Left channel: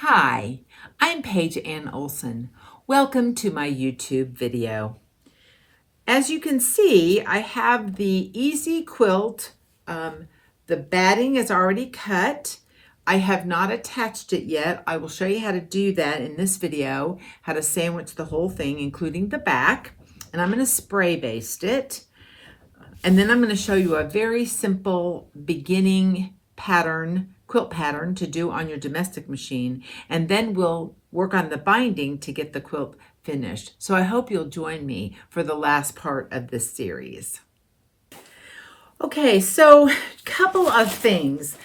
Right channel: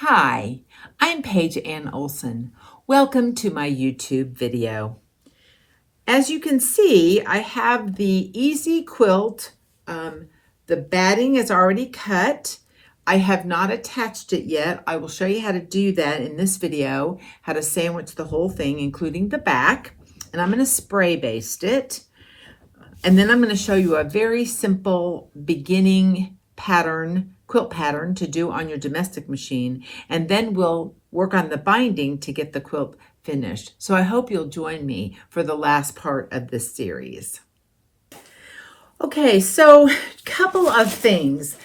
Hi, I'm Paige Ann Olson. Welcome to my YouTube video. As you can see, I have the Easy Quilt. The batting is already cut. I have not attached it yet. I will show you how to do that in this video, how to sandwich the whole thing, including the back. And I'm going to spray baste it. And then I'm going to show you a very simple beginning pattern, quilt pattern to do on your domestic machine. And then we'll work on the binding to get the quilt finished. So I hope you'll join me for the last part of this series. Okay, so a couple of things.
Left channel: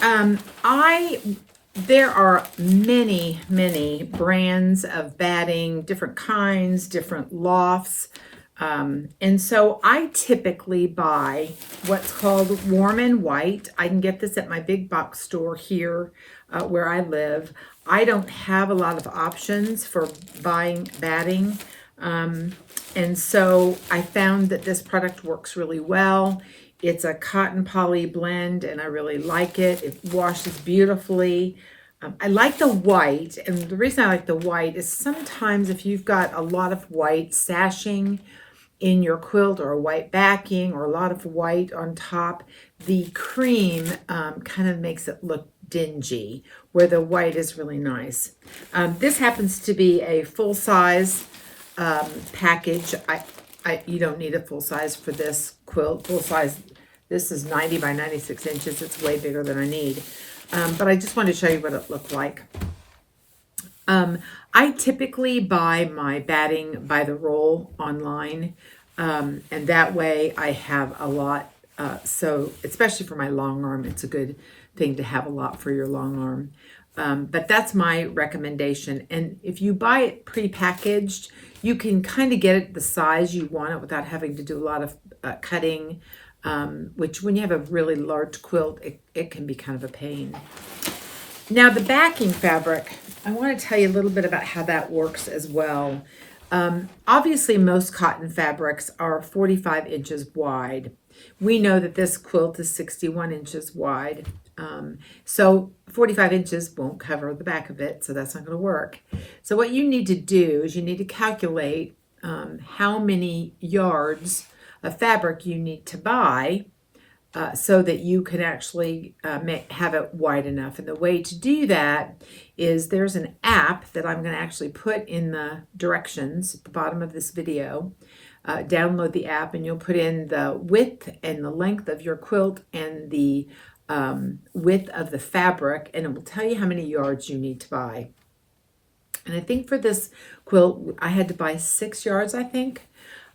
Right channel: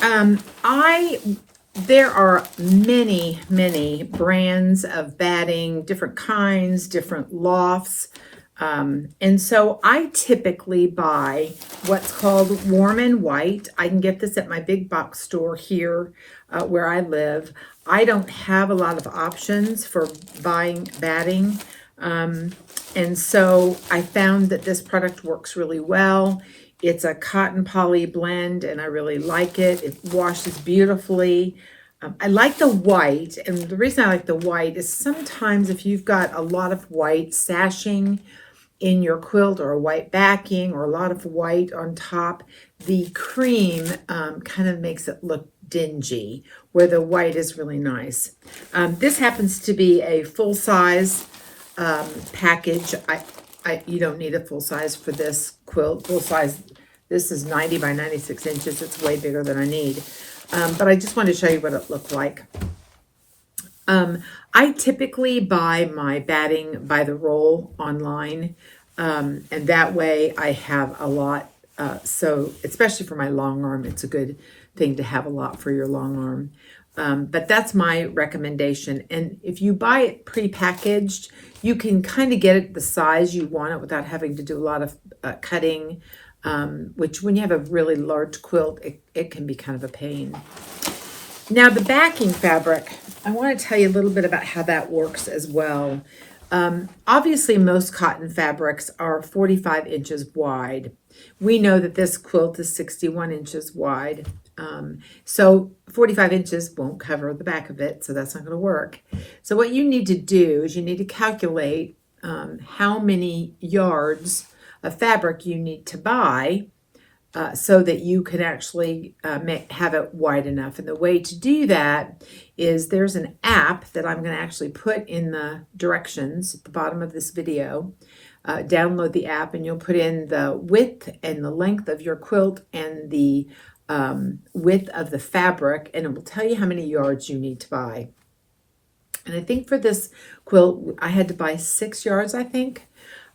There are many brands of batting, different kinds, different lofts. And so I typically buy what's called warm and white. I can get this at my big box store here where I live. I don't have a lot of options for buying batting. And so I found that this product works really well. It's a cotton poly blend and I really like it. It washes beautifully. I like the white, and the reason I like the white is sometimes if you've got a lot of white sashing in your quilt or a white backing or a lot of white on top, the cream kind of makes it look dingy, where the white is really nice. This happens to be a full-size package. You don't need a full size for this quilt. Full size, this is 90 by 96 inches. It's way bigger than I need. But I just wanted to show you what it looked like. I typically buy my batting by the roll online. And that way I have a lot. So especially for my long arm, it's a good thing to have a lot for your long arm. But that's my recommendation. And if you buy it pre-packaged, you can kind of get it the size you want it without having to do a lot of cutting, which when you have a really large quilt, it can be kind of a pain. Now the backing fabric, I want to tell you a little bit about how that works as well. Obviously, most cotton fabrics are 45 inches wide. We know that this quilt is 61 inches wide. So 45 inches won't cover the back of it, so that's not going to work. So what you need to do is you need to calculate how many yards of fabric you need to buy so that you can actually have it wide enough. And the way to do that is there's an app that I'm going to actually put in the directions at the bottom of this video. Download the app and you'll put in the width and the length of your quilt and the width of the fabric, and it will tell you how many yards you need to buy. And I think for this quilt, I had to buy 6 yards, I think.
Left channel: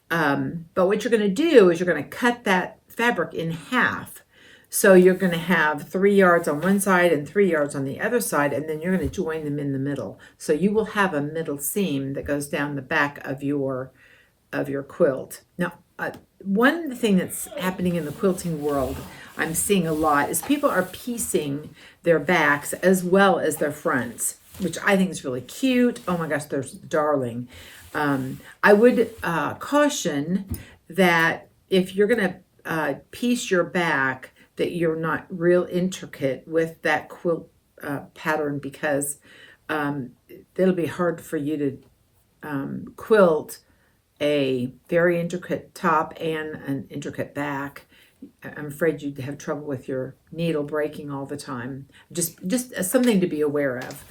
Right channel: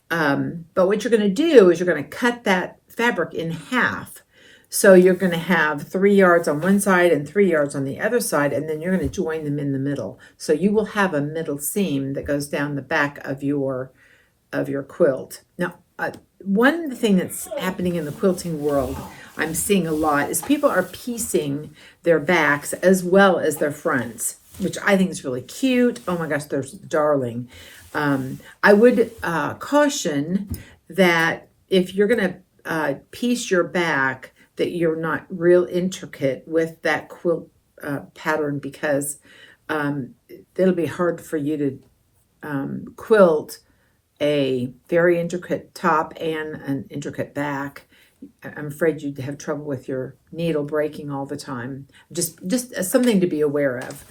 But what you're going to do is you're going to cut that fabric in half. So you're going to have 3 yards on one side and 3 yards on the other side, and then you're going to join them in the middle. So you will have a middle seam that goes down the back of your quilt. Now, one thing that's happening in the quilting world, I'm seeing a lot, is people are piecing their backs as well as their fronts, which I think is really cute. Oh my gosh, they're darling. I would caution that if you're going to piece your back, that you're not real intricate with that quilt pattern, because it'll be hard for you to quilt a very intricate top and an intricate back. I'm afraid you'd have trouble with your needle breaking all the time. Just something to be aware of.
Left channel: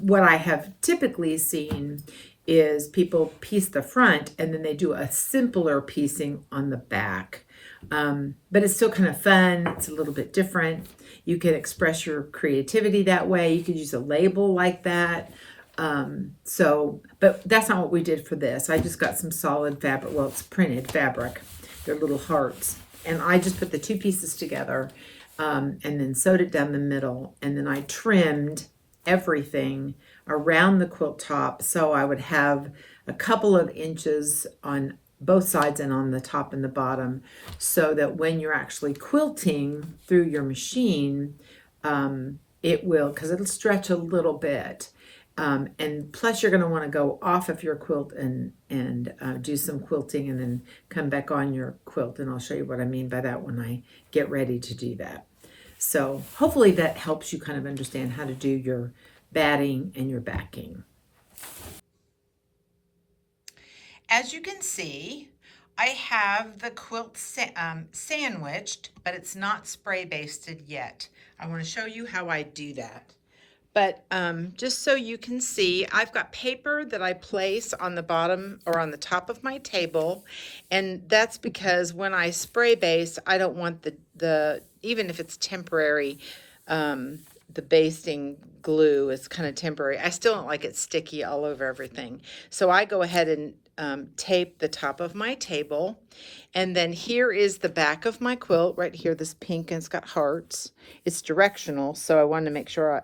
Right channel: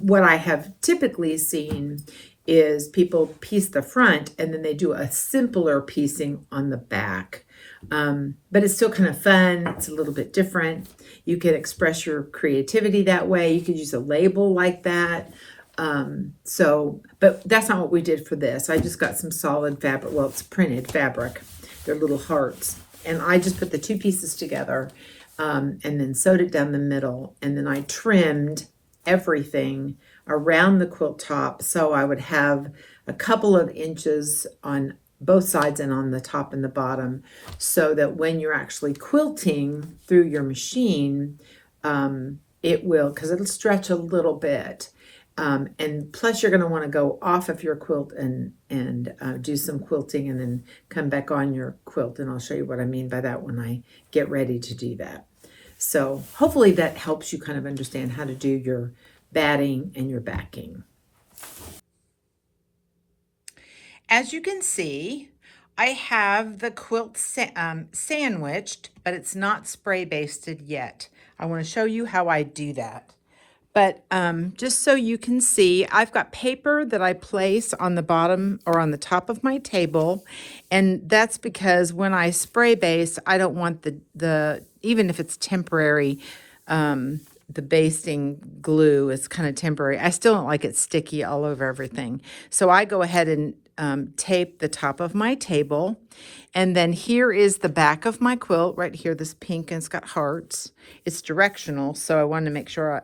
What I have typically seen is people piece the front and then they do a simpler piecing on the back. But it's still kind of fun. It's a little bit different. You can express your creativity that way. You could use a label like that. But that's not what we did for this. I just got some solid fabric. Well, it's printed fabric. They're little hearts. And I just put the two pieces together and then sewed it down the middle. And then I trimmed everything around the quilt top, so I would have a couple of inches on both sides and on the top and the bottom, so that when you're actually quilting through your machine, it will, because it'll stretch a little bit. And plus you're going to want to go off of your quilt and do some quilting and then come back on your quilt. And I'll show you what I mean by that when I get ready to do that. So hopefully that helps you kind of understand how to do your batting and your backing. As you can see, I have the quilt sandwiched, but it's not spray basted yet. I want to show you how I do that. But just so you can see, I've got paper that I place on the bottom or on the top of my table. And that's because when I spray base, I don't want the even if it's temporary, the basting glue is kind of temporary. I still don't like it sticky all over everything. So I go ahead and tape the top of my table. And then here is the back of my quilt right here, this pink, and it's got hearts. It's directional, so I wanted to make sure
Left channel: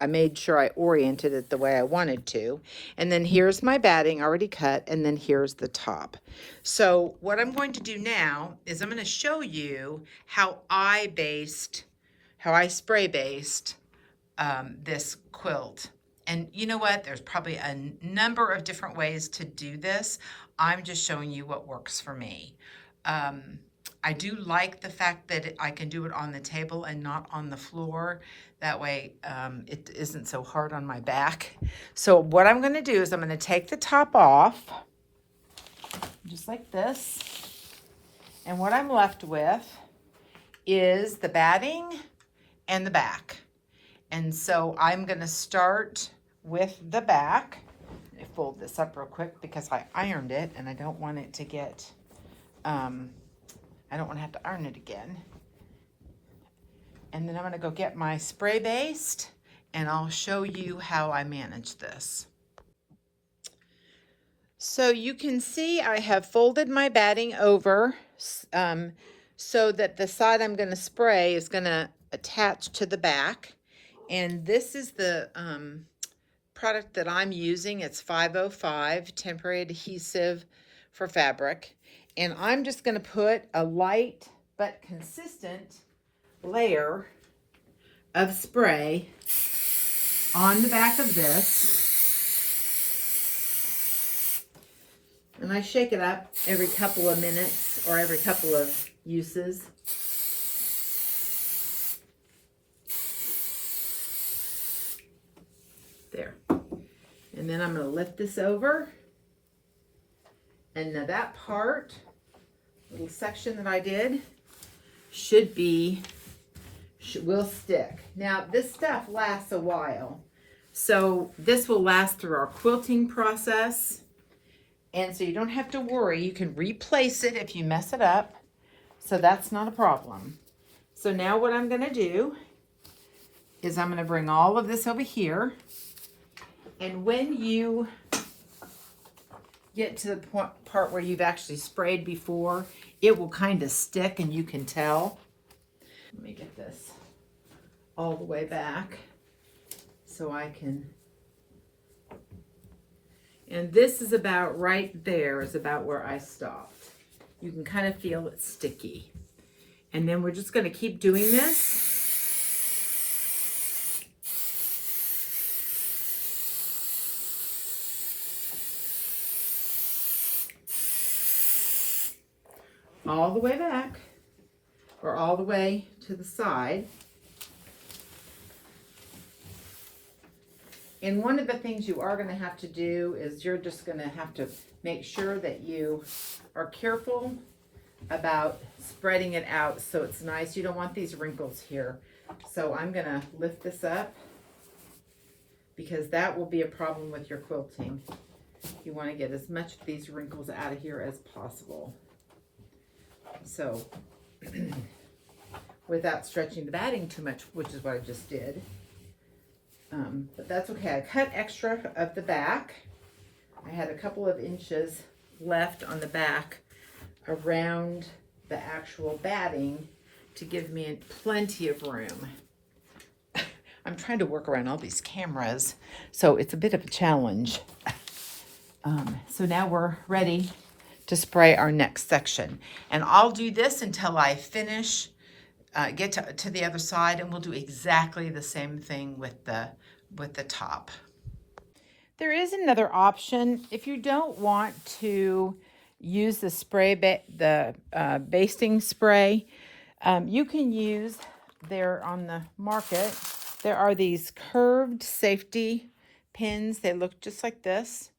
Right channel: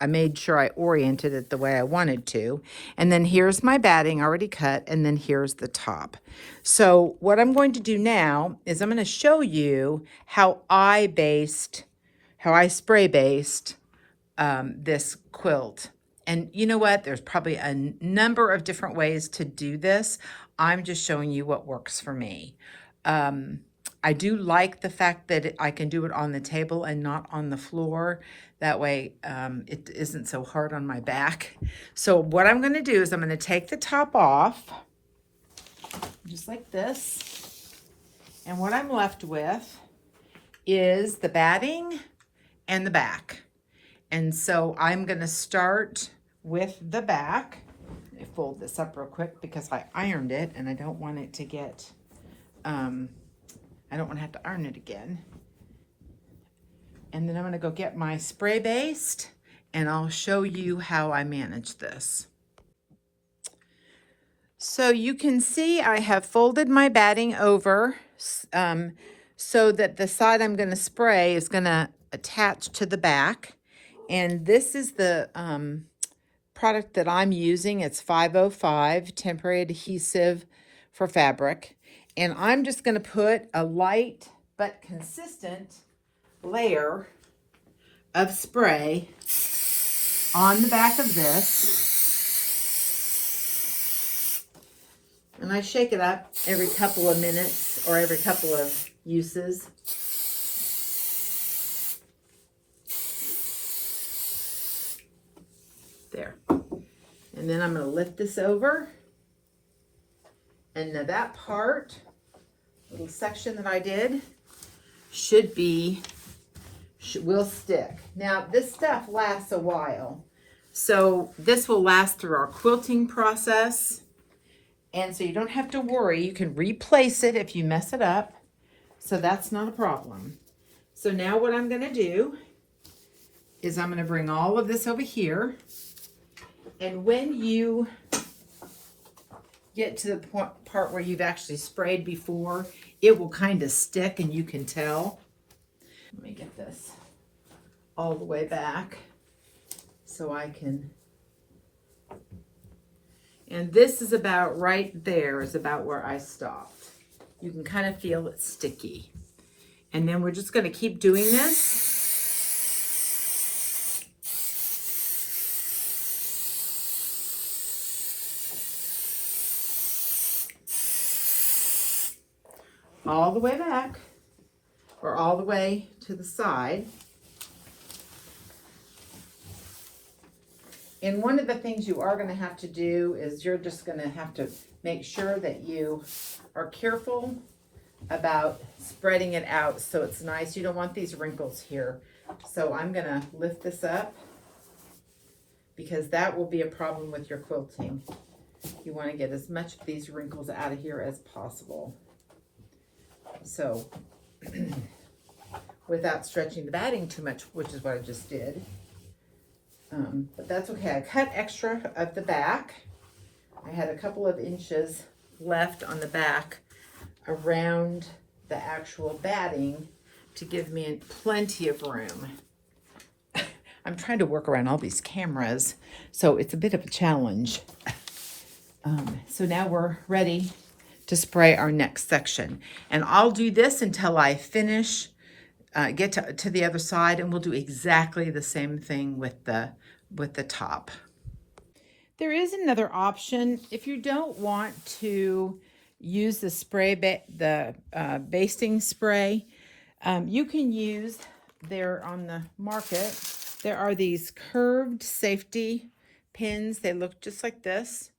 I made sure I oriented it the way I wanted to. And then here's my batting already cut, and then here's the top. So what I'm going to do now is I'm going to show you how I spray based this quilt. And you know what? There's probably a number of different ways to do this. I'm just showing you what works for me. I do like the fact that I can do it on the table and not on the floor. That way it isn't so hard on my back. So what I'm going to do is I'm going to take the top off, just like this. And what I'm left with is the batting and the back. And so I'm going to start with the back. Let me fold this up real quick because I ironed it and I don't want it to get, I don't want to have to iron it again. And then I'm going to go get my spray based and I'll show you how I manage this. So you can see I have folded my batting over so that the side I'm going to spray is going to attach to the back. And this is the product that I'm using. It's 505 temporary adhesive for fabric. And I'm just going to put a light but consistent layer of spray on the back of this. And I shake it up every couple of minutes or every couple of uses. There. And then I'm going to lift this over. And now that part, little section that I did, will stick. Now this stuff lasts a while. So this will last through our quilting process. And so you don't have to worry. You can replace it if you mess it up. So that's not a problem. So now what I'm going to do is I'm going to bring all of this over here. And when you get to the part where you've actually sprayed before, it will kind of stick and you can tell. Let me get this all the way back so I can. And this is about right there, is about where I stopped. You can kind of feel it sticky. And then we're just going to keep doing this. All the way back, or all the way to the side. And one of the things you are going to have to do is you're just going to have to make sure that you are careful about spreading it out so it's nice. You don't want these wrinkles here. So I'm going to lift this up because that will be a problem with your quilting. You want to get as much of these wrinkles out of here as possible. So without stretching the batting too much, which is what I just did. But that's okay. I cut extra of the back. I had a couple of inches left on the back around the actual batting to give me plenty of room. I'm trying to work around all these cameras, so it's a bit of a challenge. So now we're ready to spray our next section. And I'll do this until I finish, get to the other side, and we'll do exactly the same thing with the top. There is another option. If you don't want to use the spray, basting spray, you can use, they're on the market, there are these curved safety pins. They look just like this.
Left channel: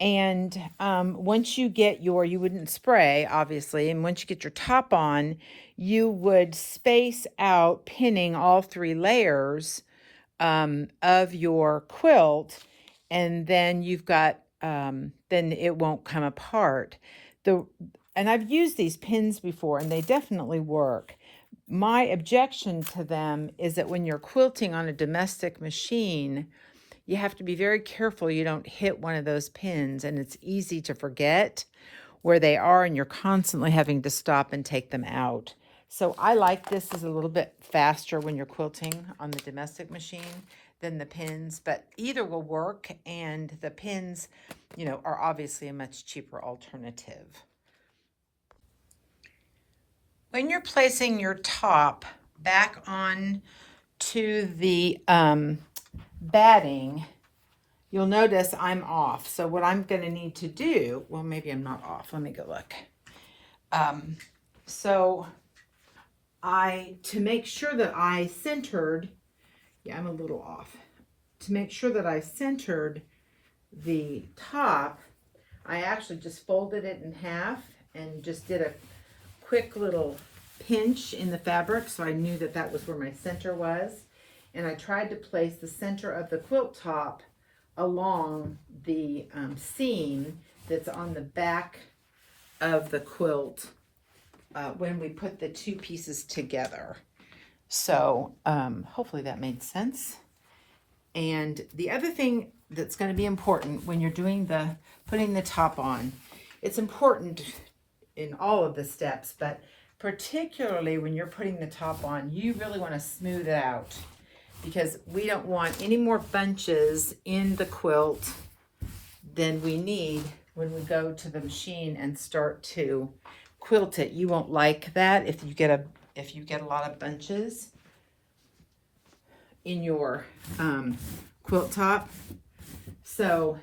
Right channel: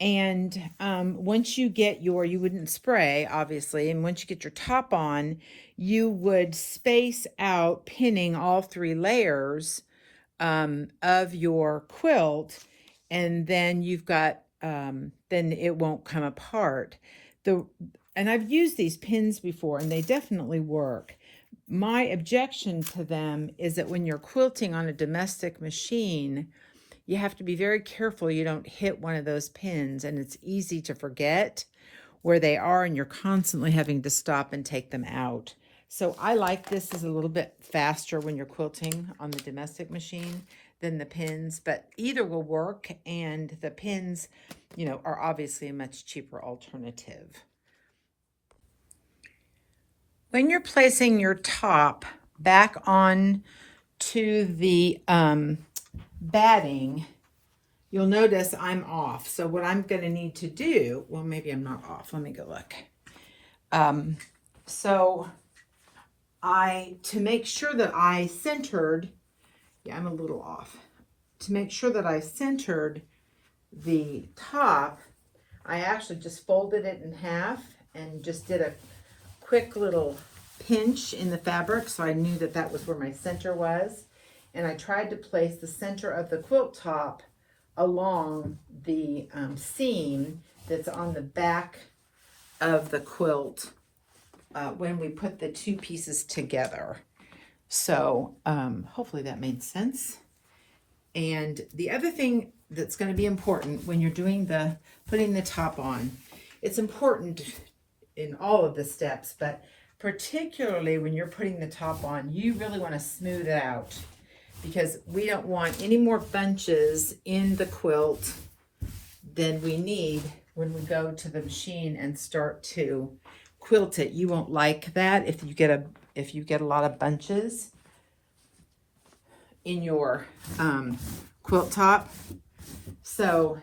And once you get you wouldn't spray, obviously, and once you get your top on, you would space out pinning all 3 layers of your quilt, and then you've got, then it won't come apart. And I've used these pins before, and they definitely work. My objection to them is that when you're quilting on a domestic machine, you have to be very careful you don't hit one of those pins, and it's easy to forget where they are, and you're constantly having to stop and take them out. So I like this is a little bit faster when you're quilting on the domestic machine than the pins, but either will work, and the pins, you know, are obviously a much cheaper alternative. When you're placing your top back on to the batting, you'll notice I'm off. So what I'm going to need to do, well, maybe I'm not off. Let me go look. To make sure that I centered, yeah, I'm a little off. To make sure that I centered the top, I actually just folded it in half and just did a quick little pinch in the fabric, so I knew that that was where my center was. And I tried to place the center of the quilt top along the seam that's on the back of the quilt when we put the 2 pieces together. So hopefully that made sense. And the other thing that's going to be important when you're doing putting the top on, it's important in all of the steps, but particularly when you're putting the top on, you really want to smooth it out, because we don't want any more bunches in the quilt than we need when we go to the machine and start to quilt it. You won't like that if you get a lot of bunches in your quilt top. So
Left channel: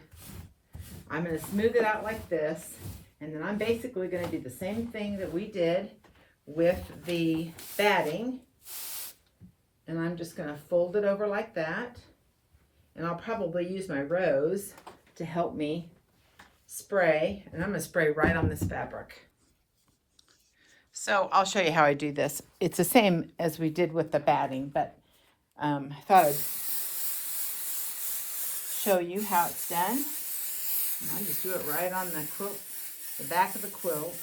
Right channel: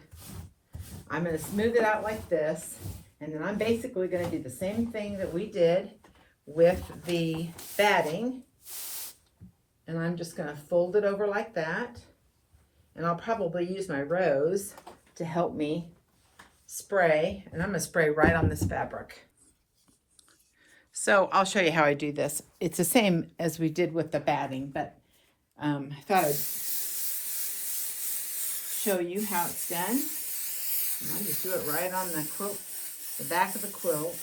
I'm going to smooth it out like this, and then I'm basically going to do the same thing that we did with the batting, and I'm just going to fold it over like that, and I'll probably use my rose to help me spray, and I'm going to spray right on this fabric. So I'll show you how I do this. It's the same as we did with the batting, but I thought I'd show you how it's done. And I just do it right on the quilt, the back of the quilt.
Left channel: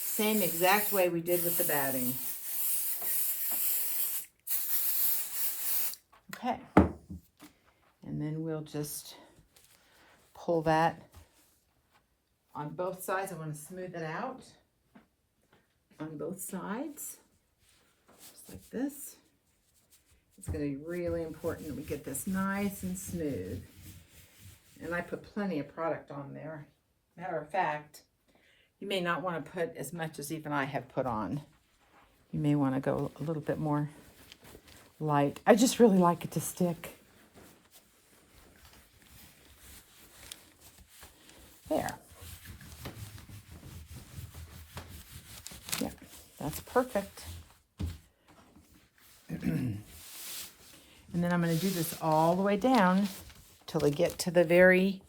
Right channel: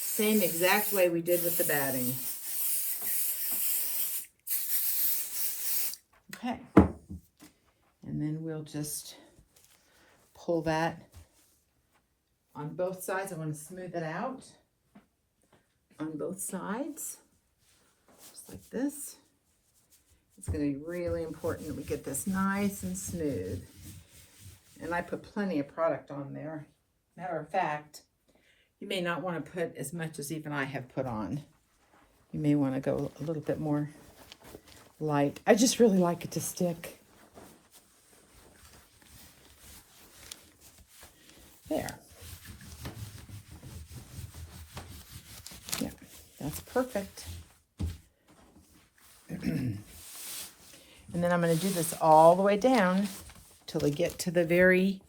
Same exact way we did with the batting. Okay. And then we'll just pull that on both sides. I want to smooth it out on both sides, just like this. It's going to be really important that we get this nice and smooth. And I put plenty of product on there. Matter of fact, you may not want to put as much as even I have put on. You may want to go a little bit more light. I just really like it to stick. There. Yeah, that's perfect. And then I'm going to do this all the way down till I get to the very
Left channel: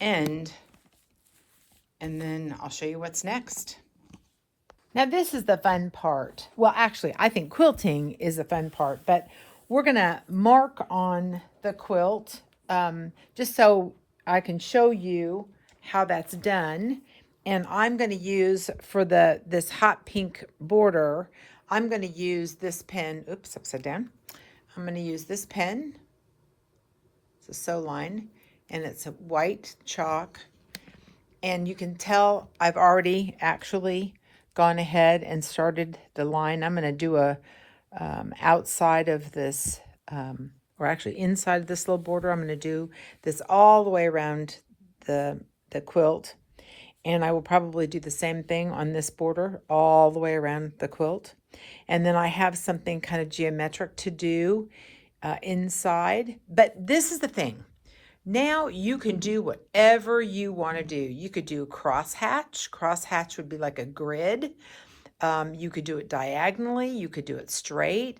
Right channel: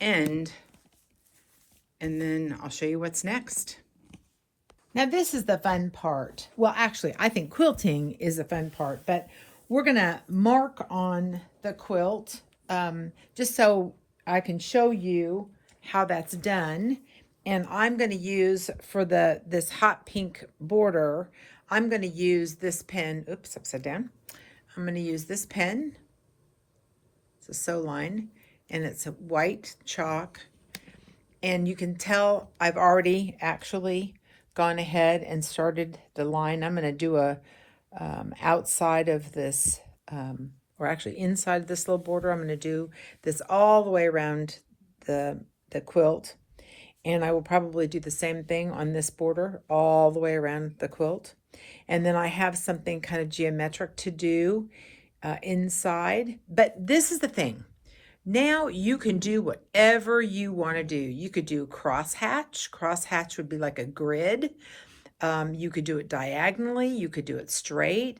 end, and then I'll show you what's next. Now this is the fun part. Well, actually, I think quilting is the fun part, but we're going to mark on the quilt just so I can show you how that's done. And I'm going to use for this hot pink border, I'm going to use this pen. Oops, upside down. I'm going to use this pen. It's a sew line, and it's a white chalk. And you can tell I've already actually gone ahead and started the line. I'm going to do a outside of this, or actually inside of this little border. I'm going to do this all the way around the quilt. And I will probably do the same thing on this border all the way around the quilt. And then I have something kind of geometric to do inside. But this is the thing. Now you can do whatever you want to do. You could do crosshatch. Crosshatch would be like a grid. You could do it diagonally, you could do it straight,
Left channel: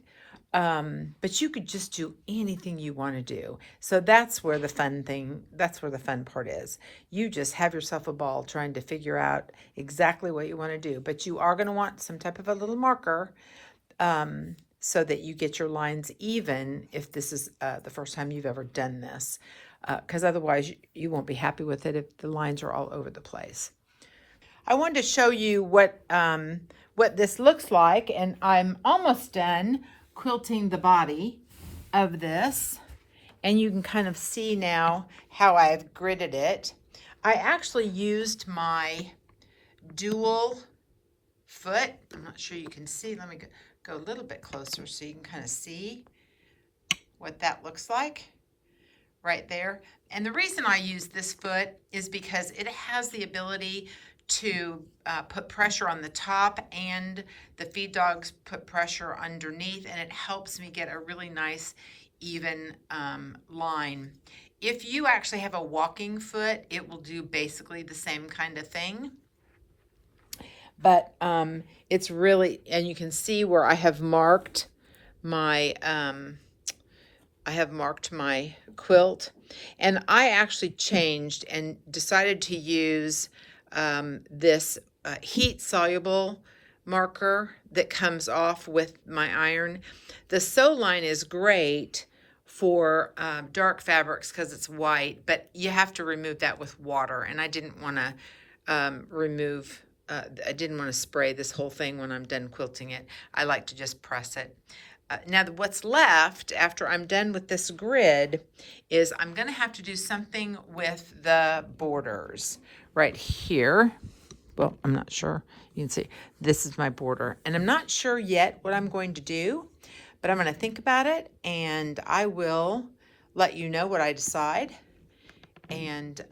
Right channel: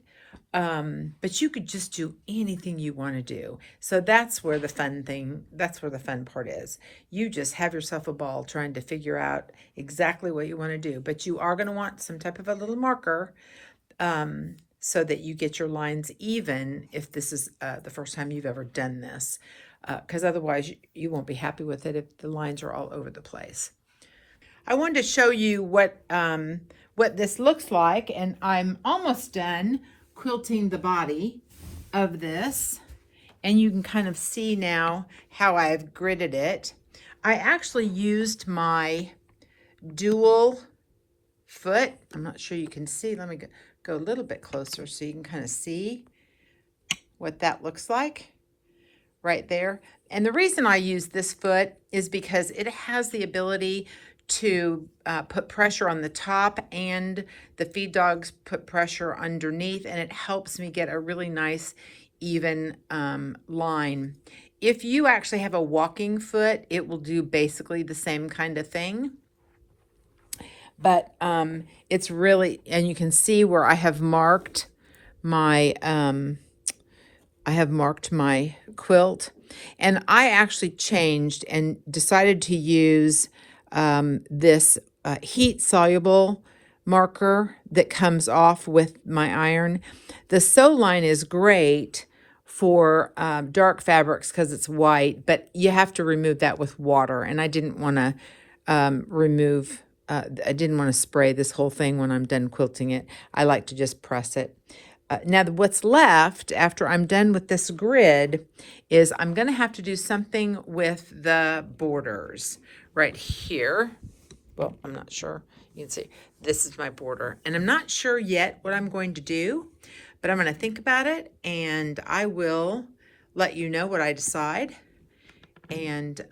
but you could just do anything you want to do. So that's where the fun part is. You just have yourself a ball trying to figure out exactly what you want to do, but you are going to want some type of a little marker, so that you get your lines even if this is the first time you've ever done this, because otherwise you won't be happy with it if the lines are all over the place. I wanted to show you what this looks like, and I'm almost done quilting the body of this, and you can kind of see now how I've gridded it. I actually used my dual foot. I'm not sure you can see. Let me go a little bit closer so you can kind of see what that looks like right there. And the reason I use this foot is because it has the ability to put pressure on the top, and the feed dogs put pressure underneath, and it helps me get a really nice even line. If you actually have a walking foot, it will do basically the same kind of thing. But it's really, and you can see where I have marked my quilt, and I actually changed and decided to use this heat soluble marker that comes off with my iron. The sew line is great for dark fabrics because it's white, but you have to remove that with water, and I didn't want to I didn't want to spray this whole thing when I'm done quilting it. I like to just press it. Now what's left after I'm done with this grid is I'm going to have to do something with the borders right here. Well, I'm not sure. You can see this is my border, and I'm not sure yet what I'm going to do, but I'm going to think about it, and I will let you know what I decide. And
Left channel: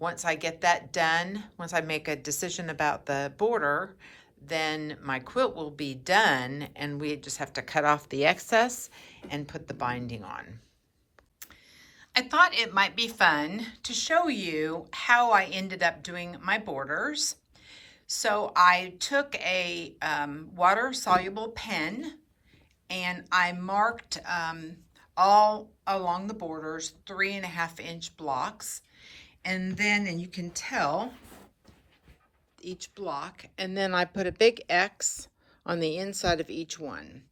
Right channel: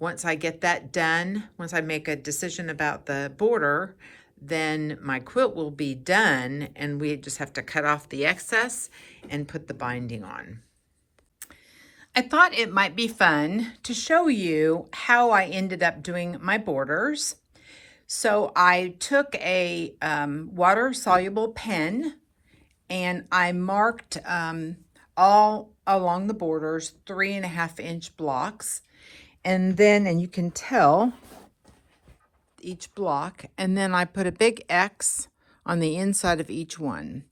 once I get that done, once I make a decision about the border, then my quilt will be done, and we just have to cut off the excess and put the binding on. I thought it might be fun to show you how I ended up doing my borders. So I took a water-soluble pen, and I marked all along the borders 3.5-inch blocks. And then, and you can tell each block, and then I put a big X on the inside of each one.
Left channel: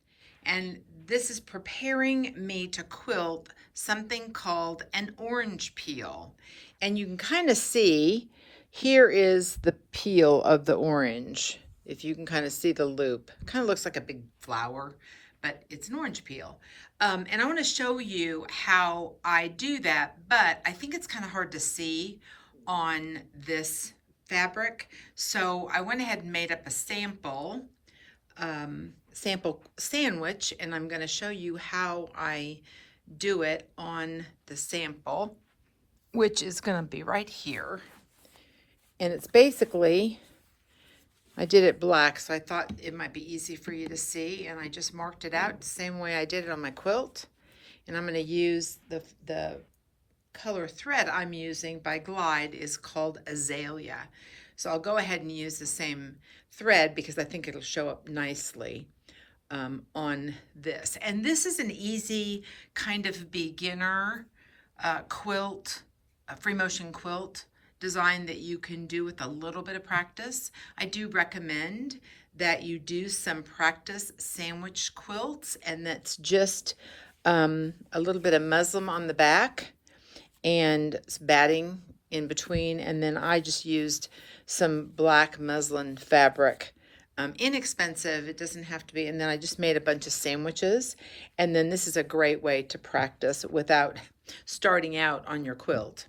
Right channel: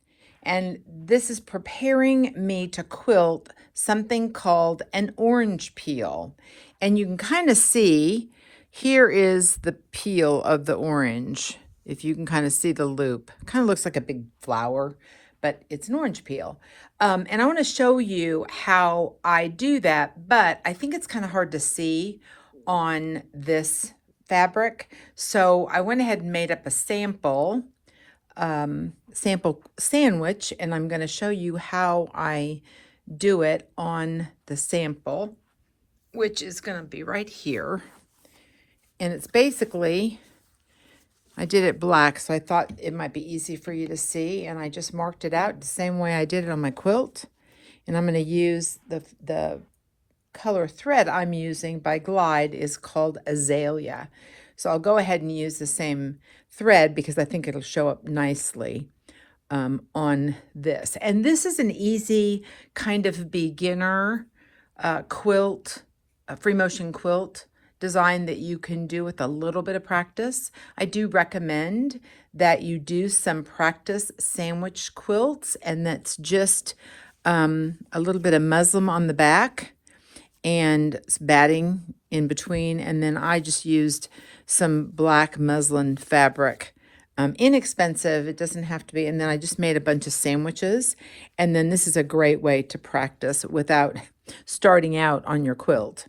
And this is preparing me to quilt something called an orange peel. And you can kind of see, here is the peel of the orange. If you can kind of see the loop, kind of looks like a big flower, but it's an orange peel. And I want to show you how I do that, but I think it's kind of hard to see on this fabric. So I went ahead and made up a sample sandwich, and I'm going to show you how I do it on the sample, which is going to be right here. And it's basically, I did it black, so I thought it might be easy for you to see, and I just marked it out the same way I did it on my quilt. And I'm going to use the color thread I'm using by Glide is called Azalea. So I'll go ahead and use the same thread because I think it'll show up nicely on this. And this is an easy kind of beginner quilt, a free motion quilt design that you can do with a little bit of practice. I do recommend that you do some practice sandwich quilts, and that's just a little bit of muslin on the back and batting in between, and then I just used some black muslin fabric. Inexpensive, it doesn't have to be, and then I just made a bunch of sandwiches, and then this is a great way to practice without starting out on your quilt.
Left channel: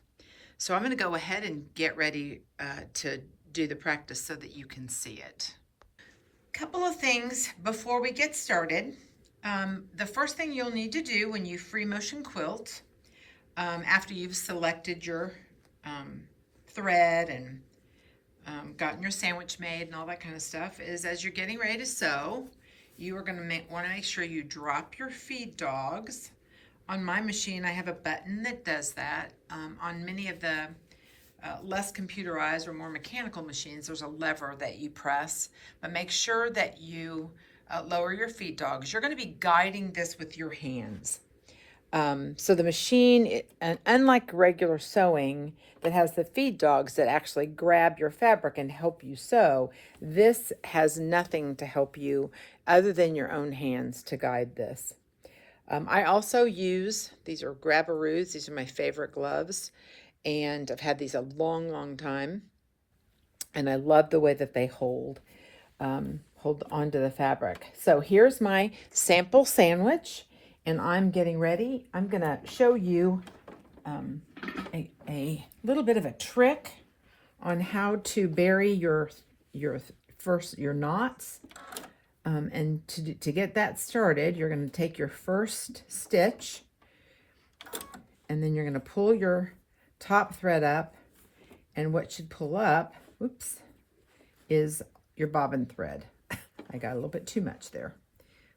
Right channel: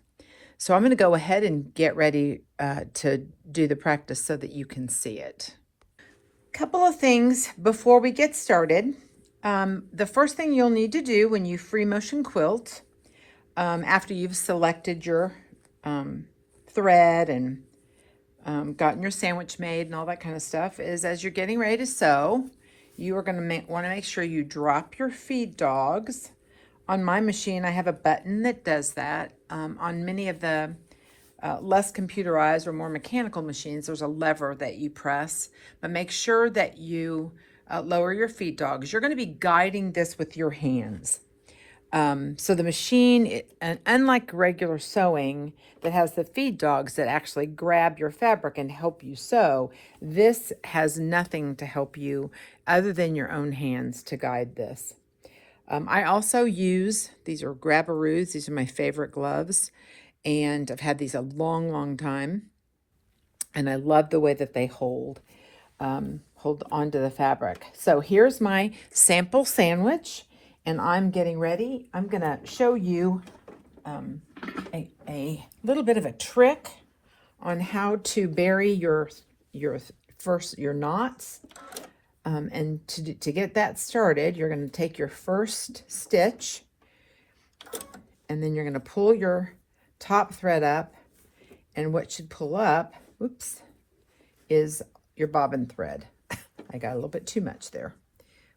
So I'm going to go ahead and get ready to do the practice so that you can see it. Couple of things before we get started. The first thing you'll need to do when you free motion quilt, after you've selected your thread and gotten your sandwich made and all that kind of stuff, is as you're getting ready to sew, you are going to want to make sure you drop your feed dogs. On my machine, I have a button that does that. On many of the less computerized or more mechanical machines, there's a lever that you press, but make sure that you lower your feed dogs. You're going to be guiding this with your hands. So the machine, unlike regular sewing that has the feed dogs that actually grab your fabric and help you sew, this has nothing to help you other than your own hands to guide this. I also use, these are grabberoos. These are my favorite gloves. And I've had these a long, long time. And I love the way that they hold onto the fabric. So here's my sample sandwich. And I'm getting ready. I'm going to show you a little bit of a trick on how to bury your knots. And to get that started, you're going to take your first stitch, and then you're going to pull your top thread up, and what should pull up, is your bobbin thread. I got a little bit too much there.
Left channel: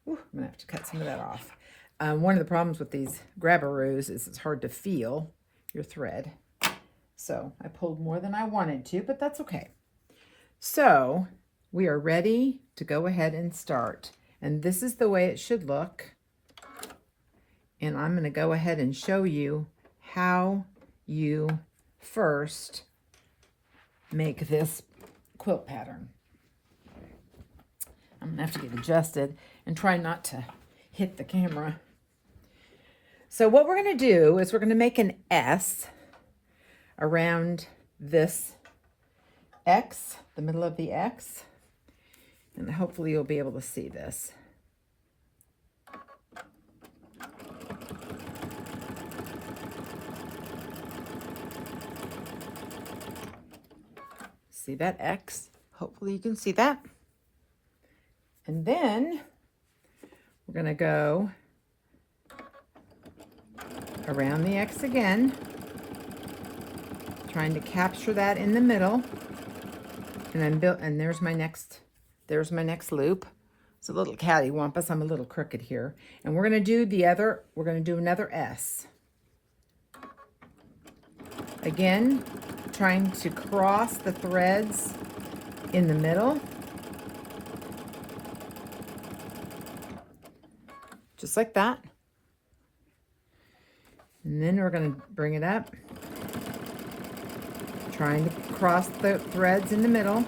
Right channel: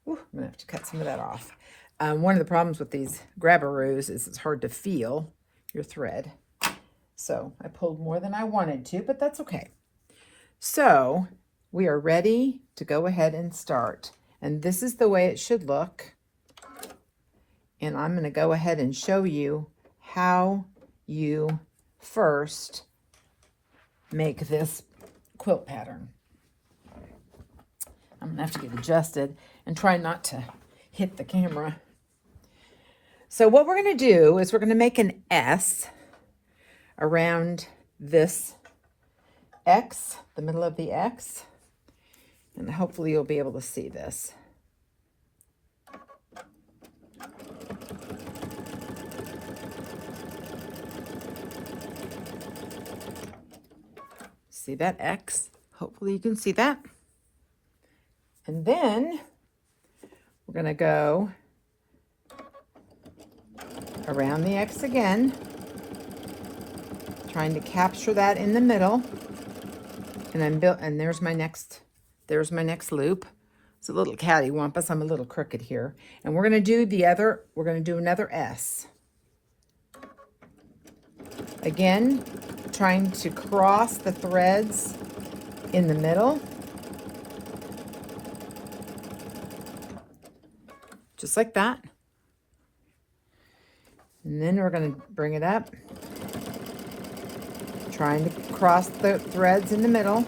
Ooh, I'm going to have to cut some of that off. One of the problems with these grabberoos is it's hard to feel your thread. So I pulled more than I wanted to, but that's okay. So we are ready to go ahead and start. And this is the way it should look. And I'm going to go ahead and show you how you first make this quilt pattern. I'm going to have to get adjusted and try not to hit the camera. So what we're going to do is we're going to make an S around this X, the middle of the X, and hopefully you'll be able to see this. See that X? Hopefully you can see that. And then we're going to go around the X again, trying to capture that in the middle. And then there's my next loop. It's a little cattywampus. I'm a little crooked here. And we're going to do another S. Again, trying to cross the threads in the middle. Just like that. And then we're going to bring it up, trying to cross the threads in the middle.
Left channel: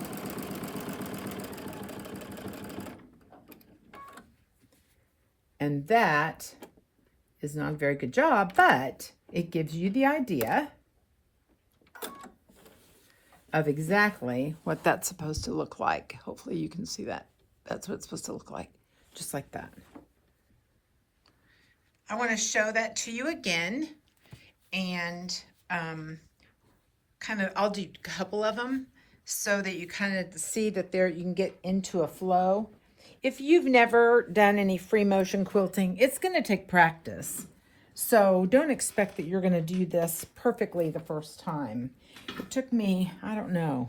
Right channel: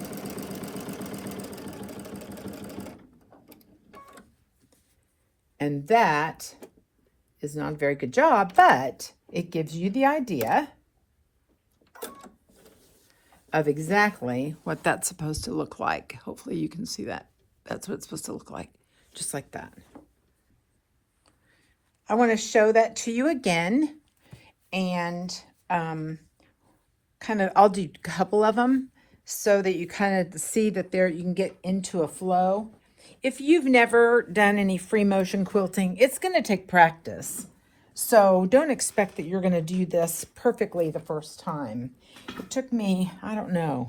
And that is not a very good job, but it gives you the idea of exactly what that's supposed to look like. Hopefully you can see that. That's what it's supposed to look like, just like that. I want to show that to you again, and I'll do a couple of them so that you kind of see that you can get into a flow. If you've never done any free motion quilting, it's going to take practice. So don't expect that you're going to do this perfectly the first time. It took me, I don't know,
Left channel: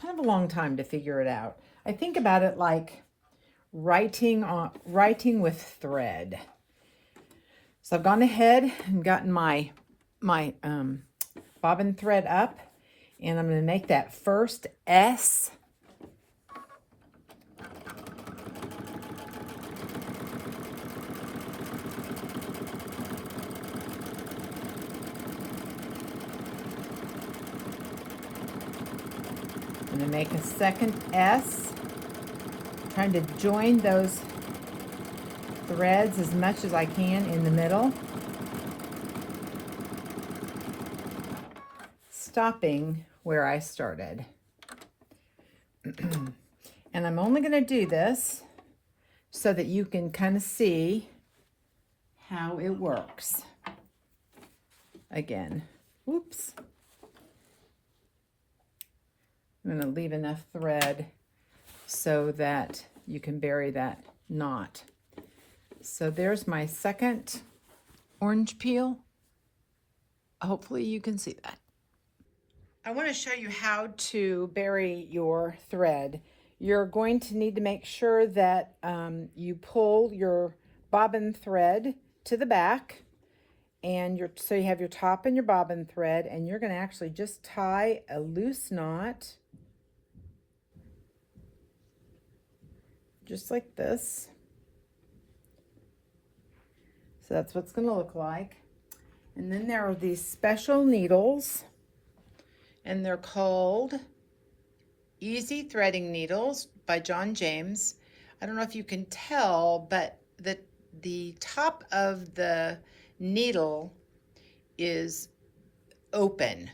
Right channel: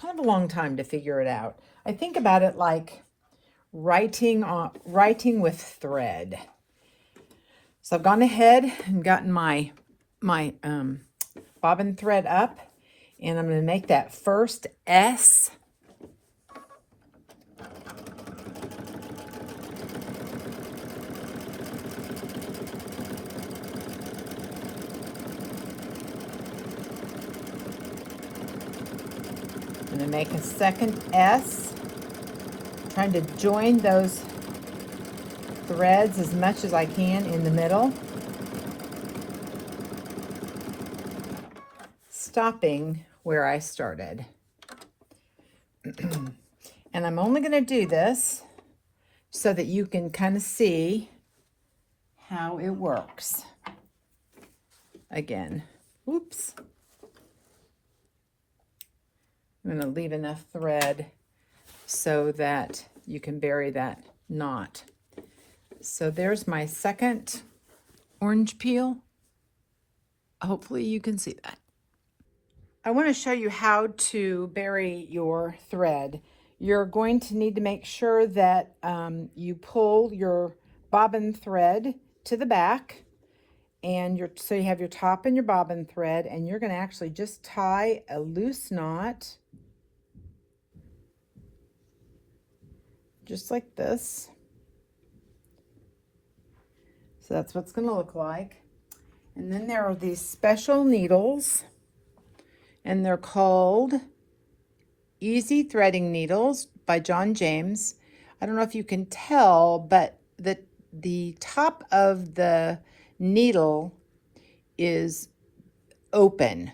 kind of a long time to figure it out. I think about it like writing with thread. So I've gone ahead and gotten my bobbin thread up, and I'm going to make that first S. I'm going to make a second S, trying to join those threads as much as I can in the middle, stopping where I started. And I'm only going to do this so that you can kind of see how it works. Again, oops. I'm going to leave enough thread so that you can bury that knot. So there's my second orange peel. Hopefully you can see that. I want to show you how to bury your thread. You're going to need to make sure that you pull your bobbin thread to the back, And so you have your top and your bobbin thread, and you're going to actually just tie a loose knot just like this. So that's what it's going to look like. And then there are these special needles, and they're called Easy Threading Needles by John James. I don't know if you can tell, but the top of the needle is open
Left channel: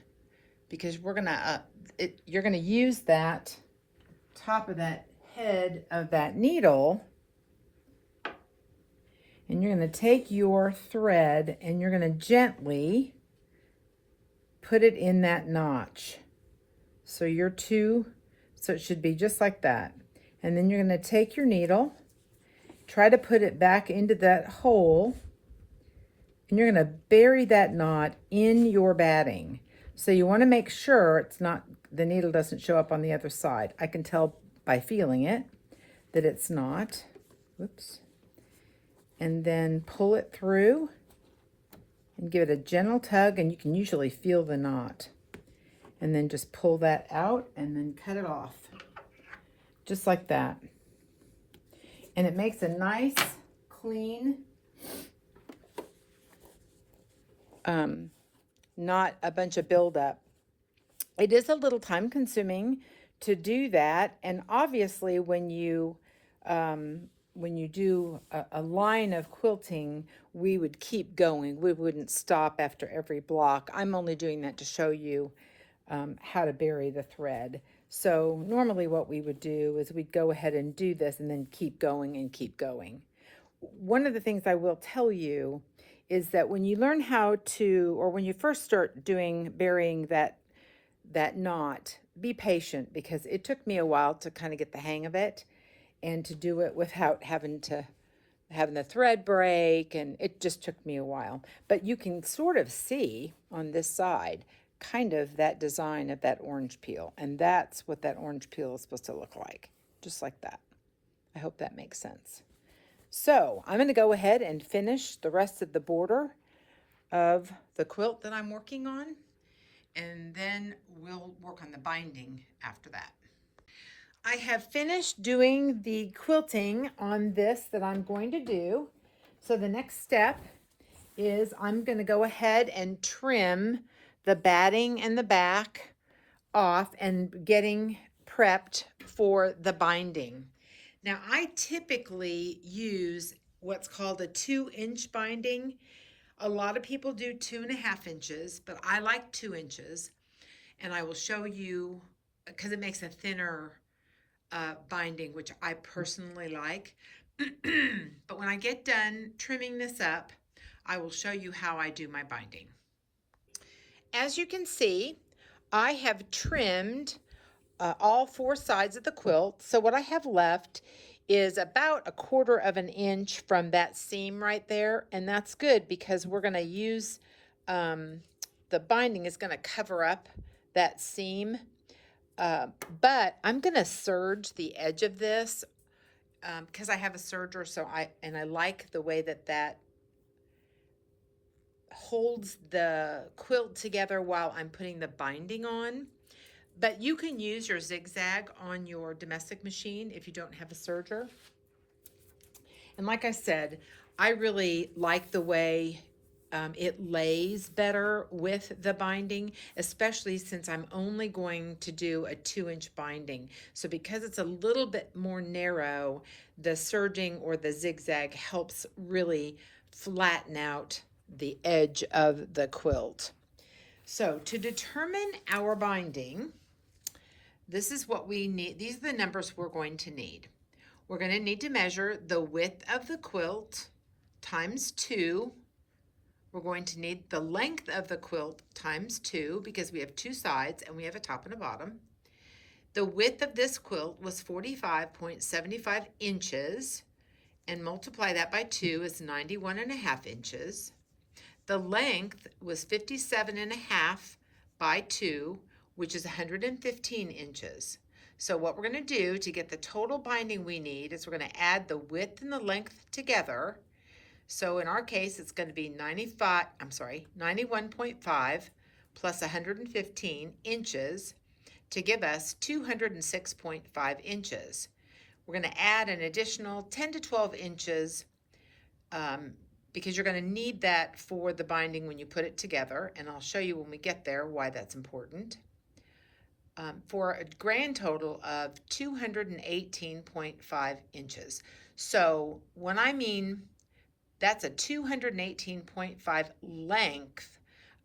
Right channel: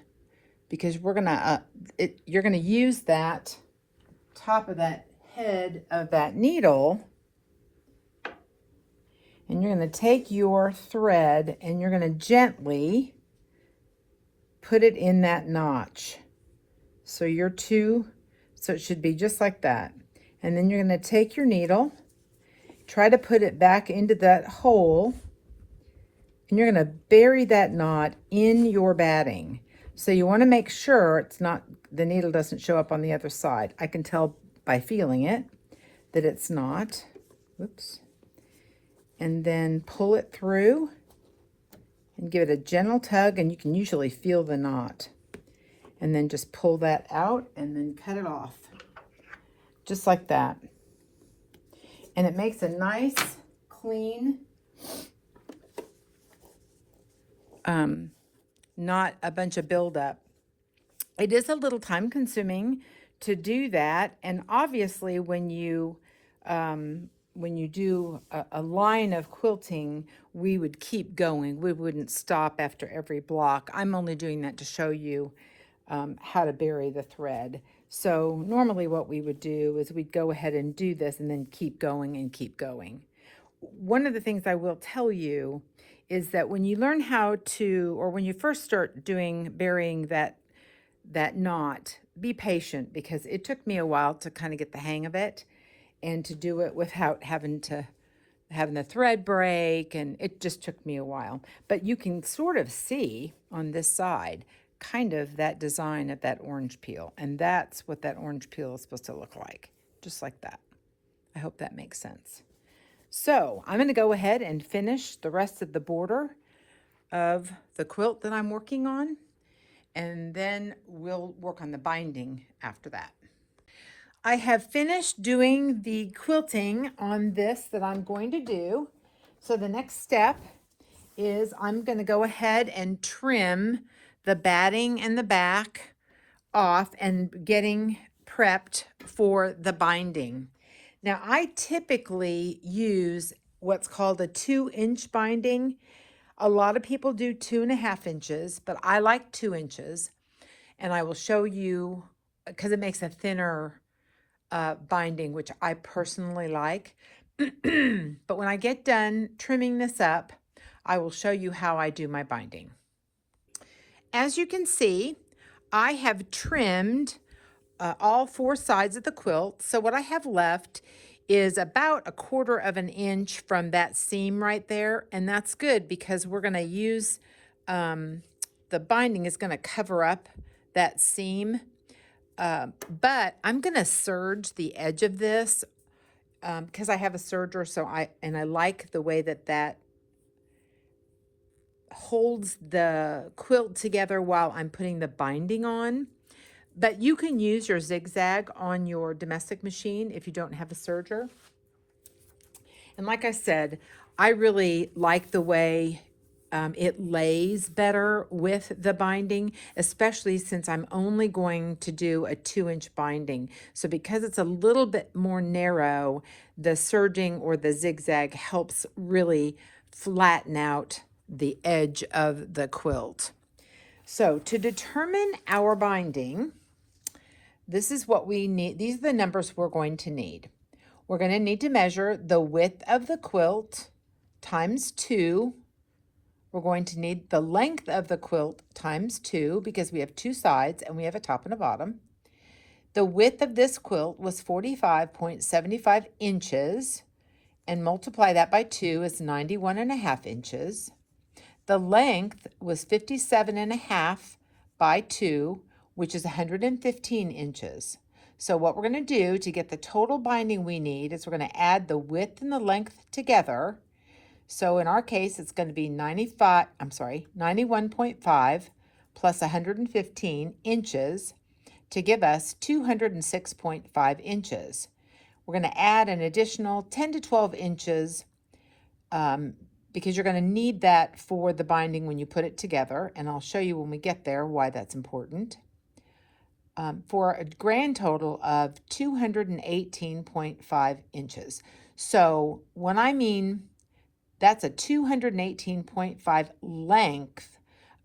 because you're gonna use that top of that head of that needle, and you're gonna take your thread and you're gonna gently put it in that notch. So so it should be just like that. And then you're gonna take your needle, try to put it back into that hole, and you're gonna bury that knot in your batting. So you wanna make sure the needle doesn't show up on the other side. I can tell by feeling it that it's not. Oops. And then pull it through and give it a gentle tug, and you can usually feel the knot. And then just pull that out and then cut it off. Just like that. And it makes a nice, clean, not a bunch of buildup. It is a little time consuming to do that. And obviously when you do a line of quilting, we would keep going. We wouldn't stop after every block. I'm only doing that to show you how to bury the thread. So normally what we would do is we'd go ahead and do this and then keep going and keep going. One of the things I will tell you is that when you learn or when you first start burying that knot, be patient, because it took me a while to kind of get the hang of it and to do it without having the thread break, and it just took me a while. But you can sort of see on this side kind of that design of that orange peel, and that's what that orange peel is supposed to look like, just like that. I hope that makes sense. So I'm going to go ahead and finish the rest of the border of the quilt that I'm working on, and then we'll work on the binding after that. I have finished doing the quilting on this that I'm going to do. So the next step is I'm going to go ahead and trim the batting and the back off and getting prepped for the binding. Now I typically use what's called a 2-inch binding. A lot of people do 2.5 inches, but I like 2 inches. And I will show you, because it makes a thinner binding, which I personally like. But when I get done trimming this up, I will show you how I do my binding. As you can see, I have trimmed all 4 sides of the quilt. So what I have left is about 1/4 of an inch from that seam right there. And that's good because we're going to use, the binding is going to cover up that seam. But I'm going to serge the edge of this because I have a serger, I like the way that holds the quilt together while I'm putting the binding on. But you can use your zigzag on your domestic machine if you don't have a serger. And like I said, I really like the way it lays better with the binding, especially since I'm only going to do a 2-inch binding. So because it's a little bit more narrow, the serging or the zigzag helps really flatten out the edge of the quilt. So to determine our binding, this is what we need. These are the numbers we're going to need. We're going to need to measure the width of the quilt times 2. We're going to need the length of the quilt times 2 because we have 2 sides and we have a top and a bottom. The width of this quilt was 45.75 inches, and multiply that by 2 is 91.5 inches. The length was 57.5 by 2, which is 115 inches. So what we're going to do to get the total binding we need is we're going to add the width and the length together. So in our case, it's going to be 91.5 plus 115 inches to give us 206.5 inches. We're going to add an additional 10 to 12 inches because you're going to need that for the binding when you put it together, and I'll show you when we get there why that's important. For a grand total of 218.5 inches. So when I mean that's a 218.5 length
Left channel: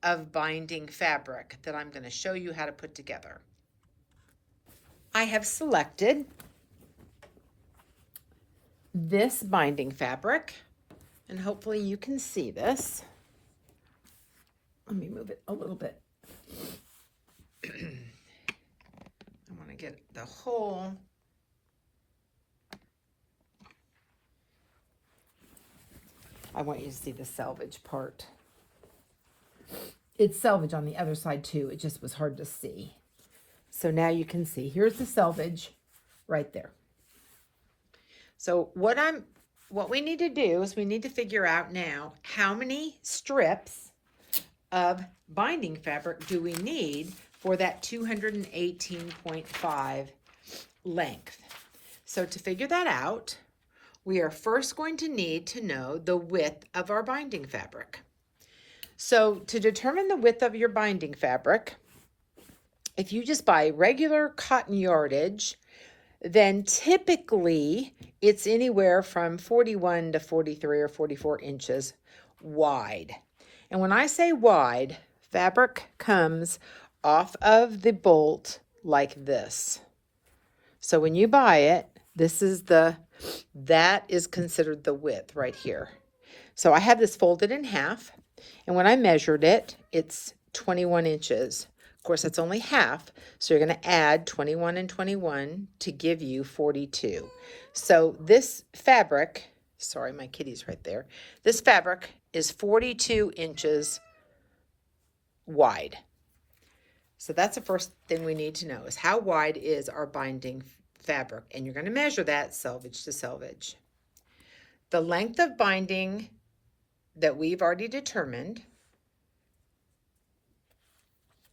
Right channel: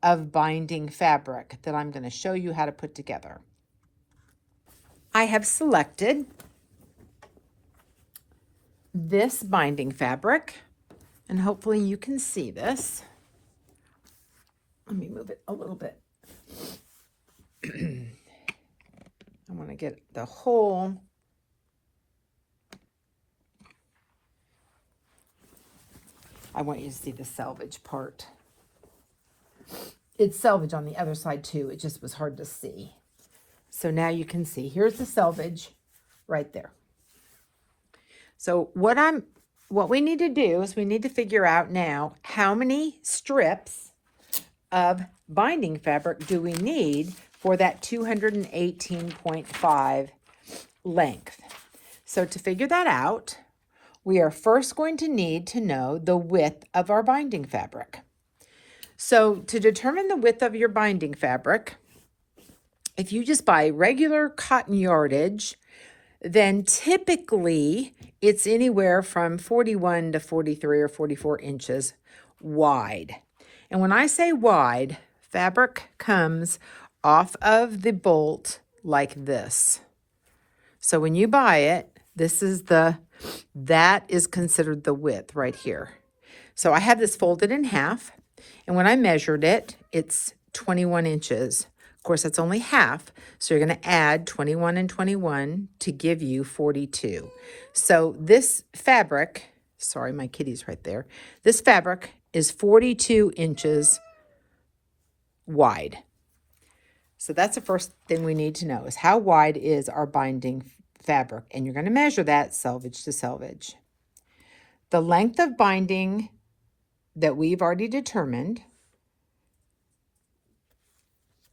of binding fabric that I'm going to show you how to put together. I have selected this binding fabric, and hopefully you can see this. Let me move it a little bit. I want to get the whole I want you to see the selvage part. It's selvage on the other side too. It just was hard to see. So now you can see. Here's the selvage right there. So what we need to do is we need to figure out now how many strips of binding fabric do we need for that 218.5 length. So to figure that out, we are first going to need to know the width of our binding fabric. So to determine the width of your binding fabric, if you just buy regular cotton yardage, then typically it's anywhere from 41 to 43 or 44 inches wide. And when I say wide, fabric comes off of the bolt like this. So when you buy it, that is considered the width right here. So I have this folded in half, and when I measured it, it's 21 inches. Of course, it's only half, so you're going to add 21 and 21 to give you 42. So this fabric, sorry, my kitty's right there. This fabric is 42 inches wide. So that's the first thing we need to know is how wide is our binding fabric, and you're going to measure that selvage to selvage. The length of binding that we've already determined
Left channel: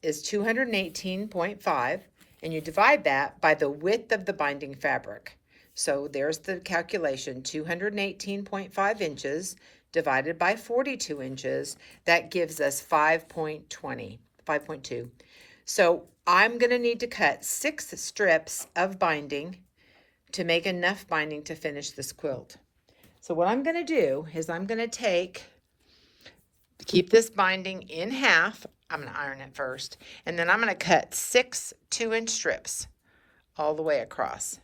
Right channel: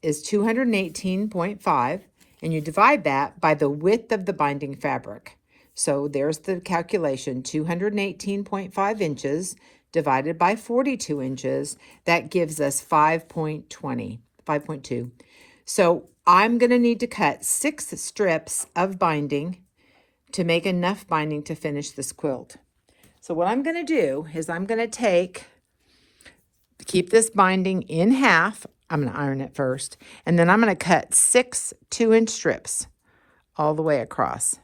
is 218.5, and you divide that by the width of the binding fabric. So there's the calculation, 218.5 inches divided by 42 inches, that gives us 5.2. So I'm going to need to cut 6 strips of binding to make enough binding to finish this quilt. So what I'm going to do is I'm going to keep this binding in half. I'm going to iron it first, and then I'm going to cut 6 2-inch strips all the way across.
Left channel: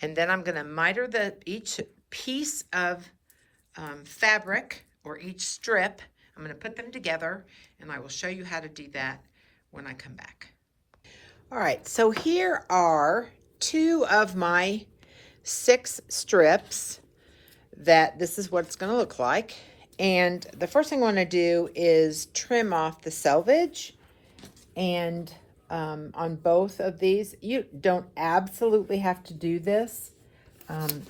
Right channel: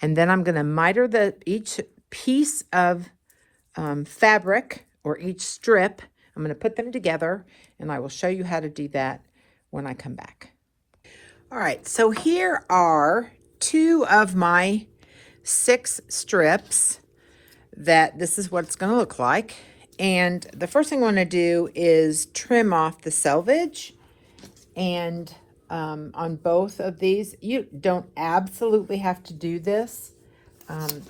And then I'm going to miter each piece of fabric or each strip. I'm going to put them together, and I will show you how to do that when I come back. All right, so here are 2 of my 6 strips this is what it's going to look like. And the first thing I want to do is trim off the selvage. And on both of these, you don't absolutely have to do this.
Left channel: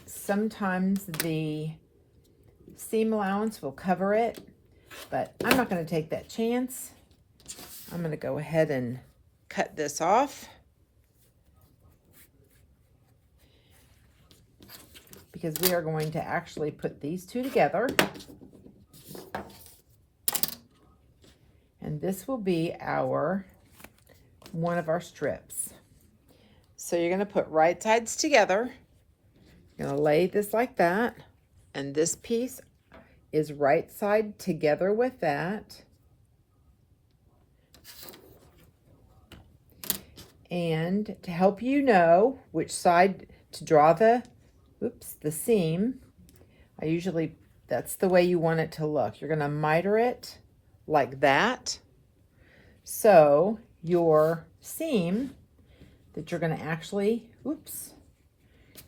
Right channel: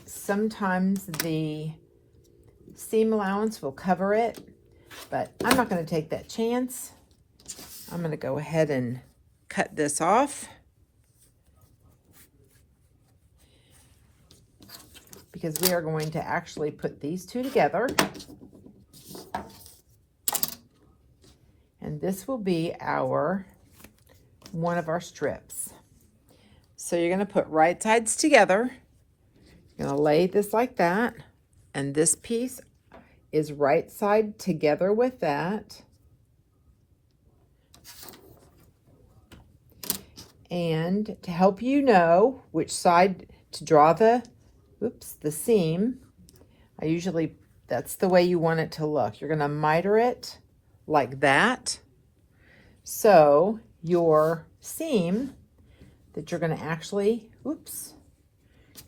Sometimes the seam allowance will cover it, but I'm not going to take that chance. I'm going to go ahead and cut this off because we are going to actually put these 2 together. And this will be one of our strips. So you're going to put right sides together. You're going to lay this like that. And this piece is right side together with that. And to help you know which side to draw the seam, that's the way you want it to look. You're going to miter it like that. So your seam that you're going to actually,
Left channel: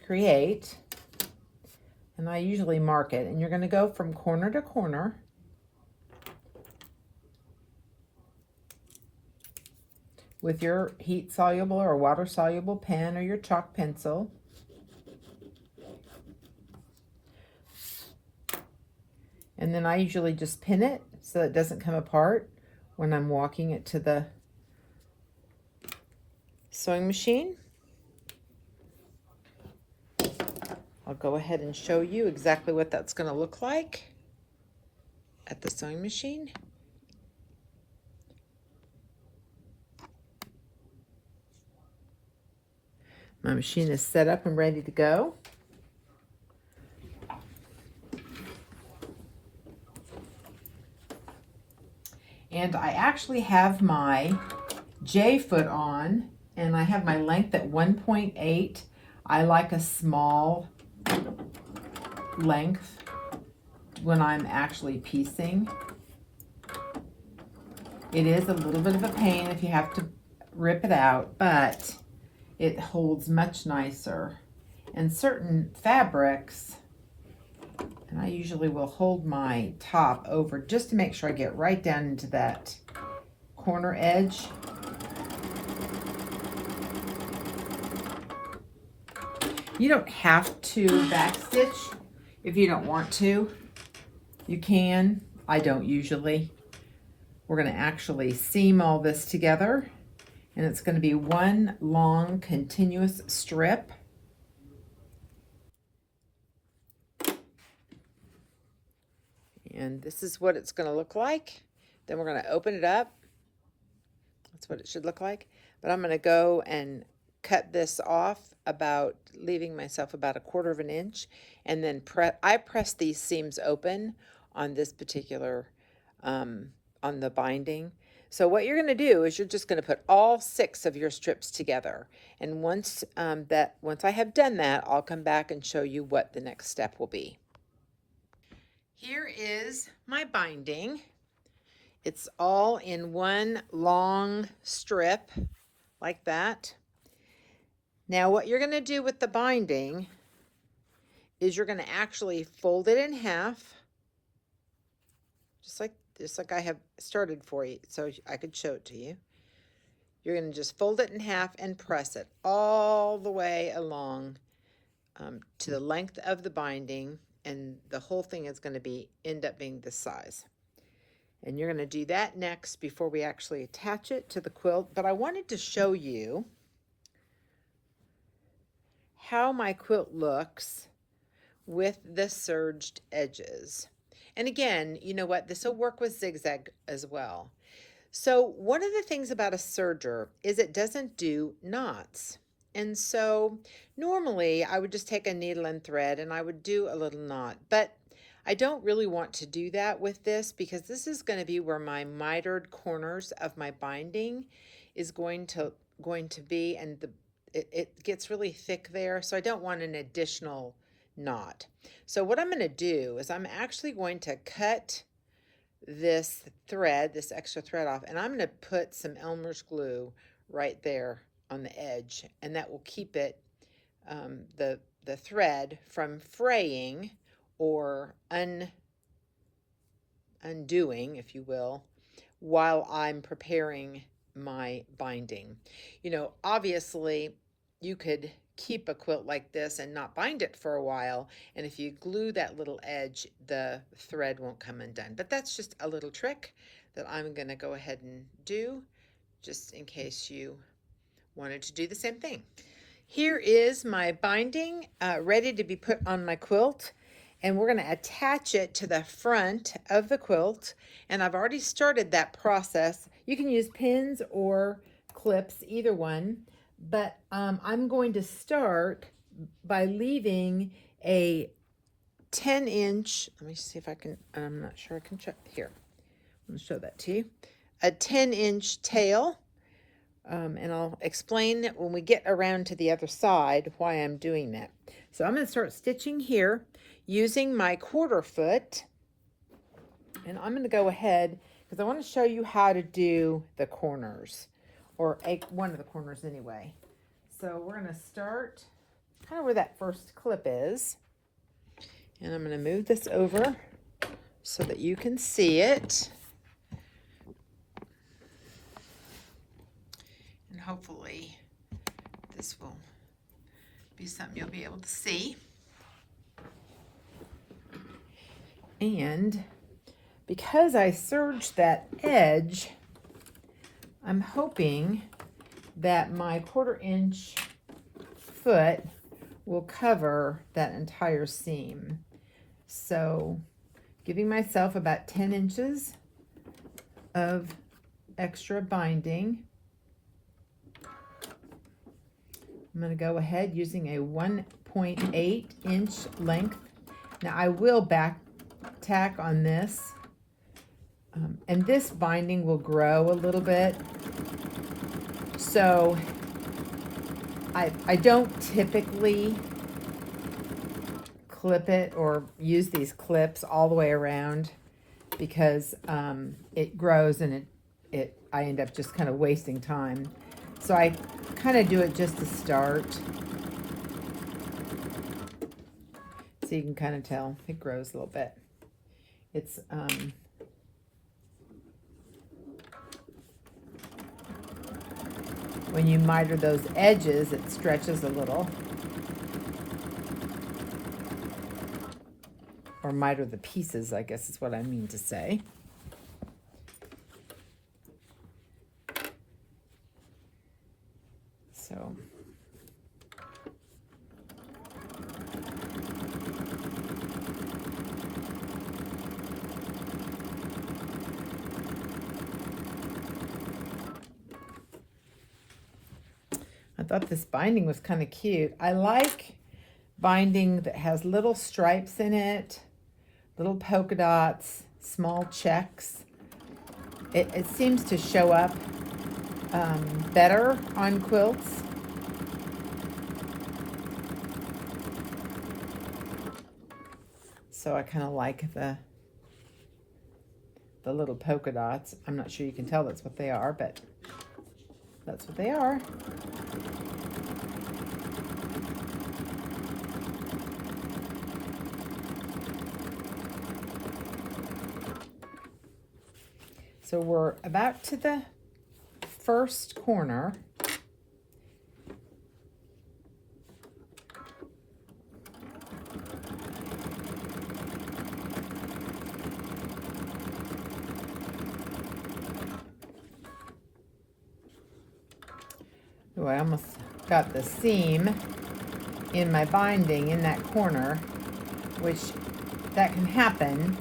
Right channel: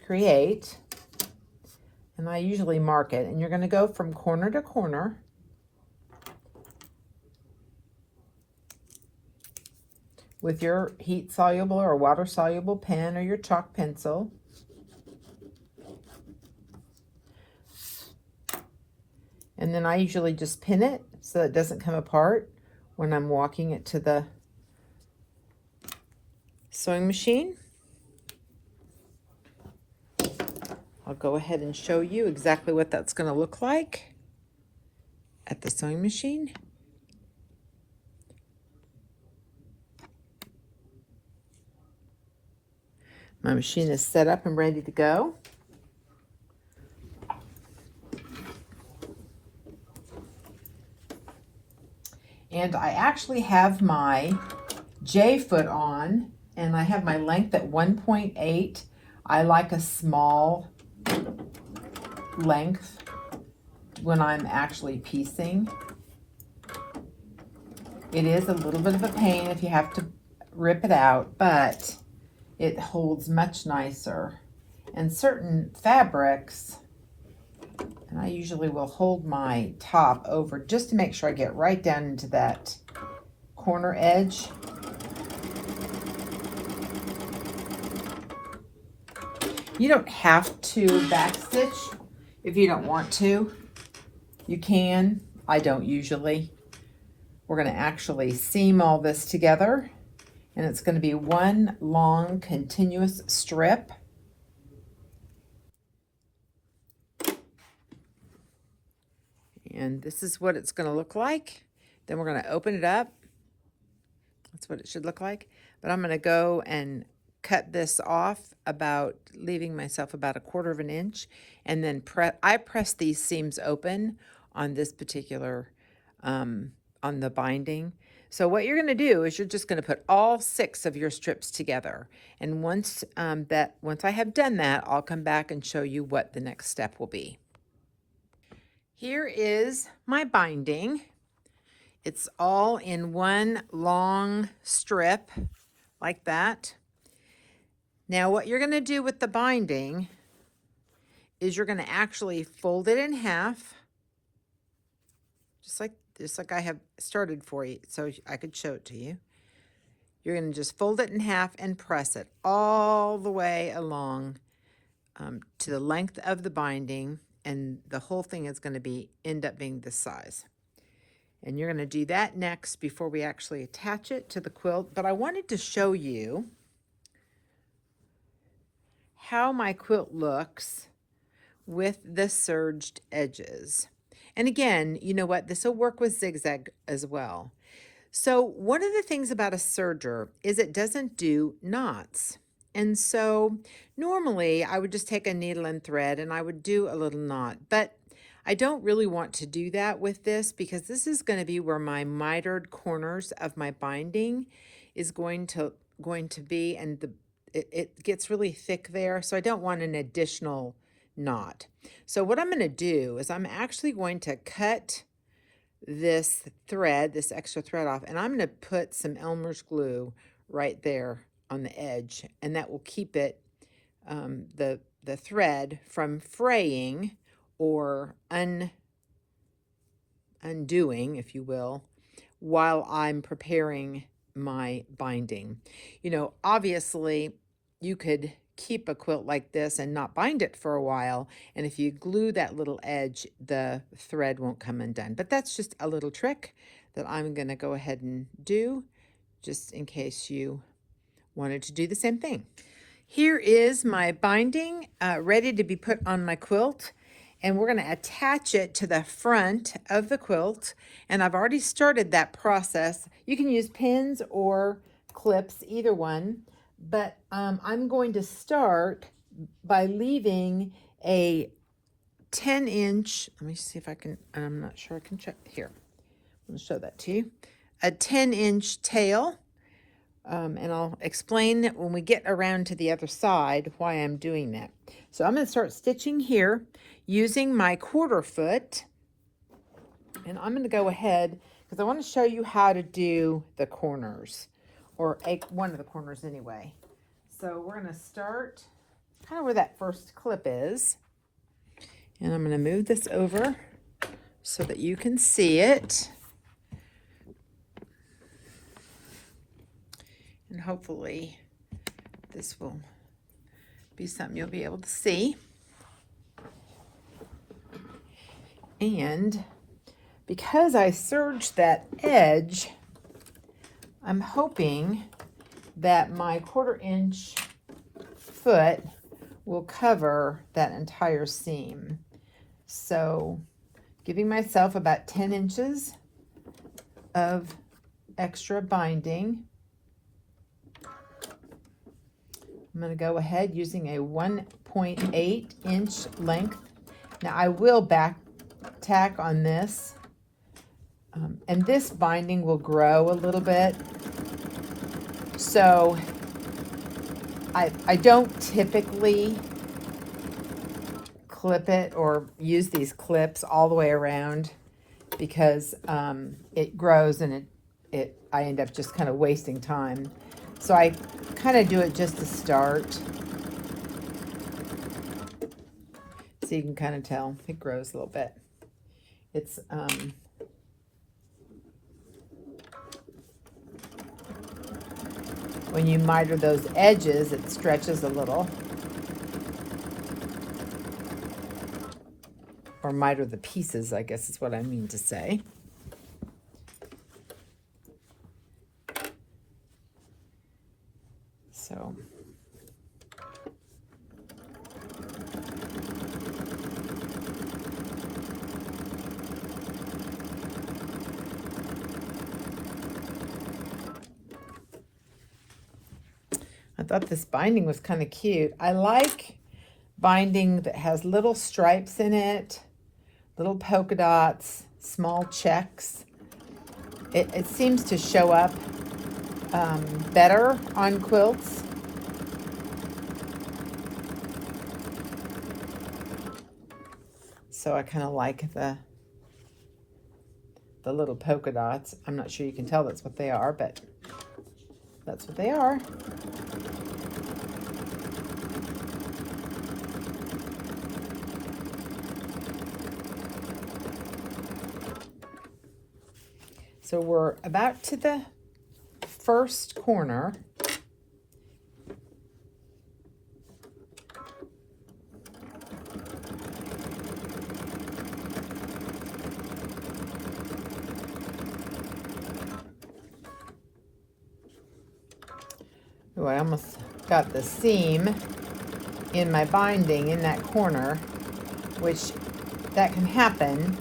create, and I usually mark it, and you're going to go from corner to corner. With your heat soluble or water soluble pen or your chalk pencil. And then I usually just pin it so it doesn't come apart when I'm walking it to the sewing machine. I'll go ahead and show you exactly what that's going to look like at the sewing machine. My machine is set up and ready to go. And I actually have my J foot on, and I have my length at 1.8. I like a small length when I'm actually piecing. It is a little bit of a pain if you have to rip it out, but it holds much nicer. And certain fabrics, and I usually will hold my top over just to make sure I get right down into that corner edge. You don't have to backstitch if you don't want to. You can. I don't usually. We're going to actually seam all this together, and it's going to be one long continuous strip. And this is what it's going to look like. Then we're going to open it up. That's what it should look like. But I'm going to go and cut this off, about leaving myself about 1/4 of an inch, and then I press these seams open on this particular on the binding. So what you're going to do is you're just going to put all 6 of your strips together, and once I have done that, I'll come back and show you what the next step will be. Here is my binding. It's all in one long strip like that. Now what you're going to do with the binding is you're going to actually fold it in half, just like I have started for you so I could show it to you. You're going to just fold it in half and press it all the way along to the length of the binding, and the whole thing is going to end up being this size. And you're going to do that next before we actually attach it to the quilt. But I wanted to show you how my quilt looks with the serged edges. And again, you know what? This will work with zigzag as well. So one of the things about a serger is it doesn't do knots. And so normally I would just take a needle and thread and I would do a little knot, but I don't really want to do that with this, because this is going to be where my mitered corners of my binding is going to be, and it gets really thick there, so I don't want an additional knot. So what I'm going to do is I'm actually going to cut this thread, this extra thread off, and I'm going to put some Elmer's glue right there on the edge, and that will keep it, the thread from fraying or undoing, if you will, while I'm preparing my binding. You know, obviously you could keep a quilt like this and not bind it for a while, and if you glue that little edge, the thread won't come undone. But that's just a little trick that I'm going to go ahead and do, just in case you wanted to do the same thing. Here is my binding ready to be put on my quilt, and we're going to attach it to the front of the quilt, and I've already started that process. You can use pins or clips, either one, but I'm going to start by leaving a 10-inch, let me see if I can, I'm not sure I can check here. I'm going to show that to you. A 10-inch tail. And I'll explain when we get around to the other side why I'm doing that. So I'm going to start stitching here using my 1/4 foot, and I'm going to go ahead because I want to show you how to do the corners, or one of the corners anyway. So we're going to start kind of where that first clip is, and I'm going to move this over so that you can see it. And hopefully this will be something you'll be able to see. And because I serged that edge, I'm hoping that my 1/4 inch foot will cover that entire seam. So giving myself about 10 inches of extra binding. I'm going to go ahead using a 1.8 inch length. Now I will back tack on this, and this binding will grow a little bit. So I don't typically clip it or use these clips all the way around because it grows and I end up just kind of wasting time. So I kind of do it just to start. So you can kind of tell it grows a little bit. It's when you miter those edges, it stretches a little. Or miter the pieces, I guess is what I mean to say. So I thought this binding was kind of cute. I like binding that has little stripes in it, little polka dots, small checks. It seems to show up better on quilts. So I kind of like the little polka dots. I'm not sure you can tell that's what they are, but that's what they are. So we're about to the first corner. Oh, I almost got the seam in my binding in that corner, which that can happen.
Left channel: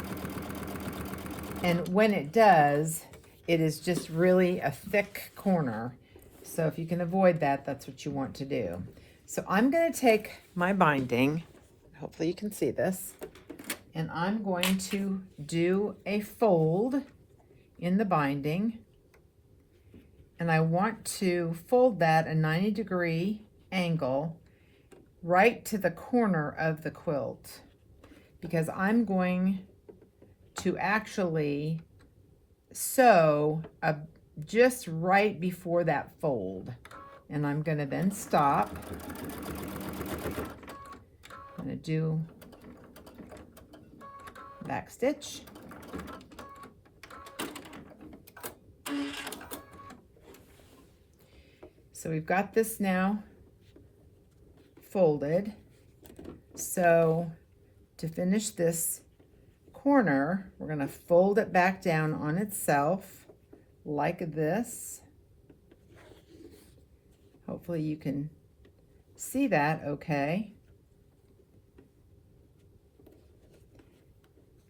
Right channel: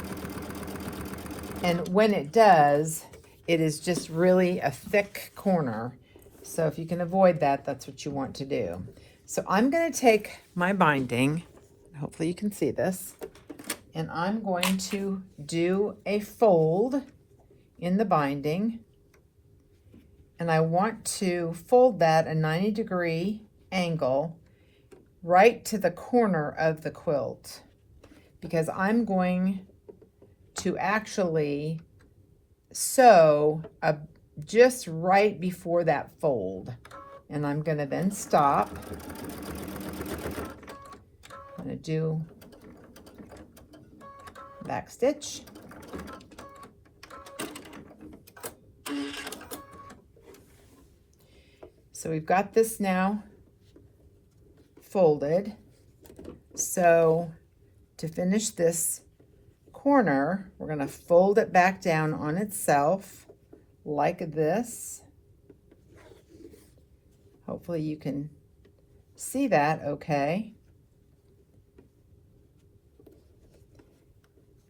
And when it does, it is just really a thick corner. So if you can avoid that, that's what you want to do. So I'm going to take my binding, hopefully you can see this, and I'm going to do a fold in the binding. And I want to fold that a 90-degree angle right to the corner of the quilt, because I'm going to actually sew just right before that fold. And I'm going to then stop. I'm going to do back stitch. So we've got this now folded. So to finish this corner, we're going to fold it back down on itself like this. Hopefully you can see that okay.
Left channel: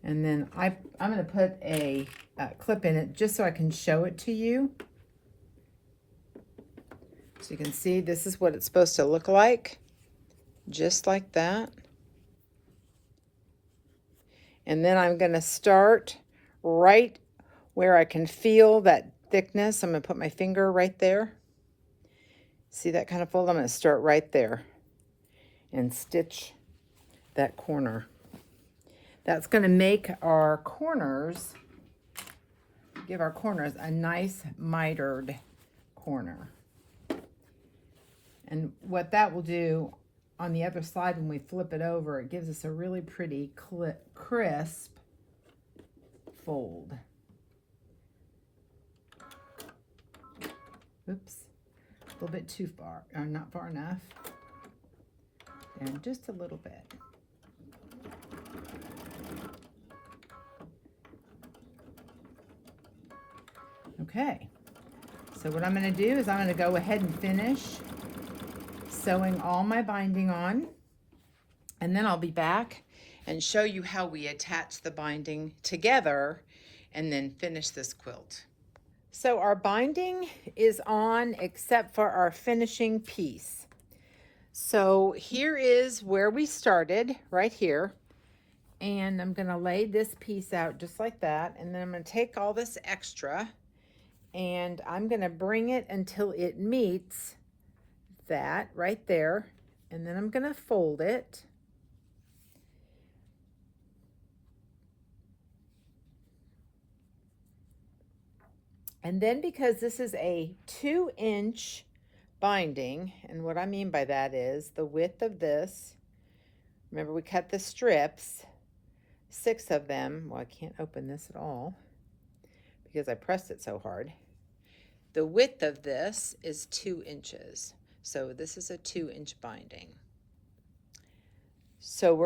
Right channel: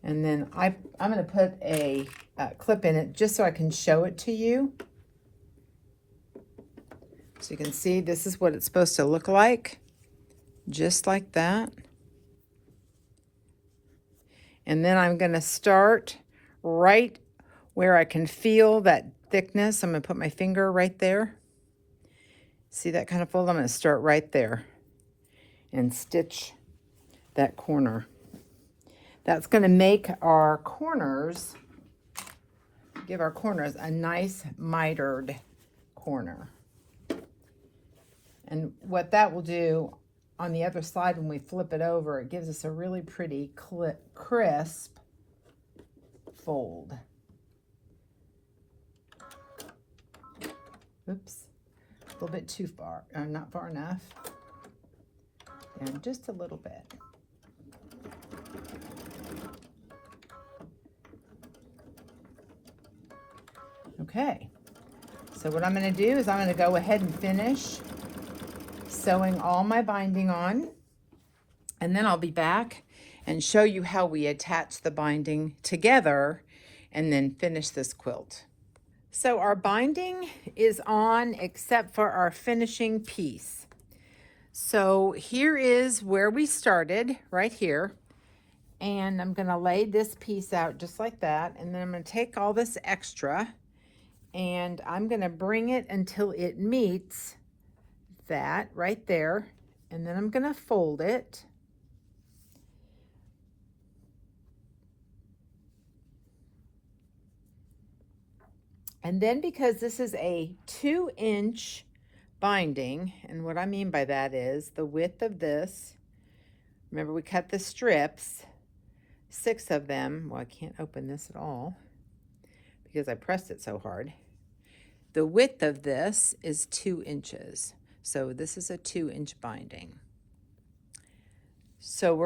And then I'm going to put a clip in it just so I can show it to you. So you can see this is what it's supposed to look like, just like that. And then I'm going to start right where I can feel that thickness. I'm going to put my finger right there. See that kind of fold? I'm going to start right there and stitch that corner. That's going to make our corners, give our corners a nice mitered corner. And what that will do on the other side when we flip it over, it gives us a really pretty crisp fold. Oops, a little bit too far, or not far enough. And just a little bit. Okay, so what I'm going to do is I'm going to go ahead and finish sewing all my binding on, and then I'll be back and show you how we attach the binding together and then finish this quilt. So our binding is on except for our finishing piece. So here is where we started, right here. And I'm going to lay this piece out just like that, and then I'm going to take all this extra and I'm going to bring it until it meets that right there, and then I'm going to fold it. And then, because this is a 2-inch binding, and what I mean by that is the width of this, remember we cut the strips, 6 of them. Well, I can't open this at all because I pressed it so hard. The width of this is 2 inches. So this is a 2-inch binding. So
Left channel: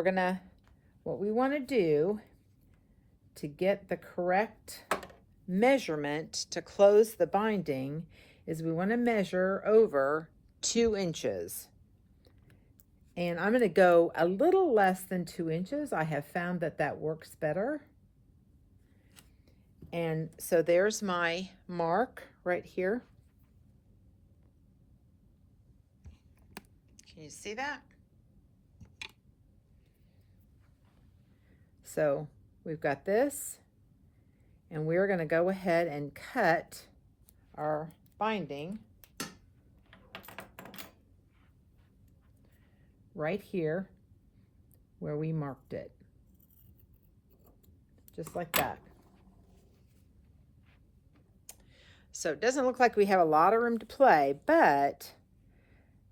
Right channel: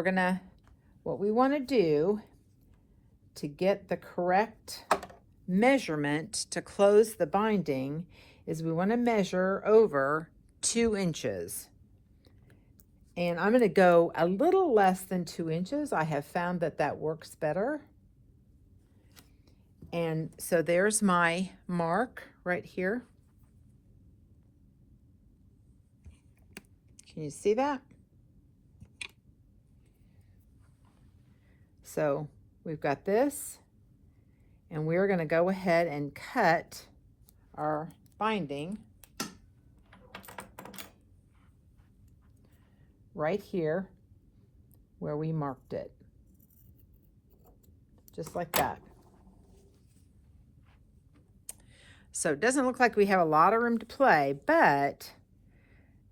what we want to do to get the correct measurement to close the binding is we want to measure over 2 inches. And I'm going to go a little less than 2 inches. I have found that that works better. And so there's my mark right here. Can you see that? So we've got this, and we're going to go ahead and cut our binding right here where we marked it, just like that. So it doesn't look like we have a lot of room to play, but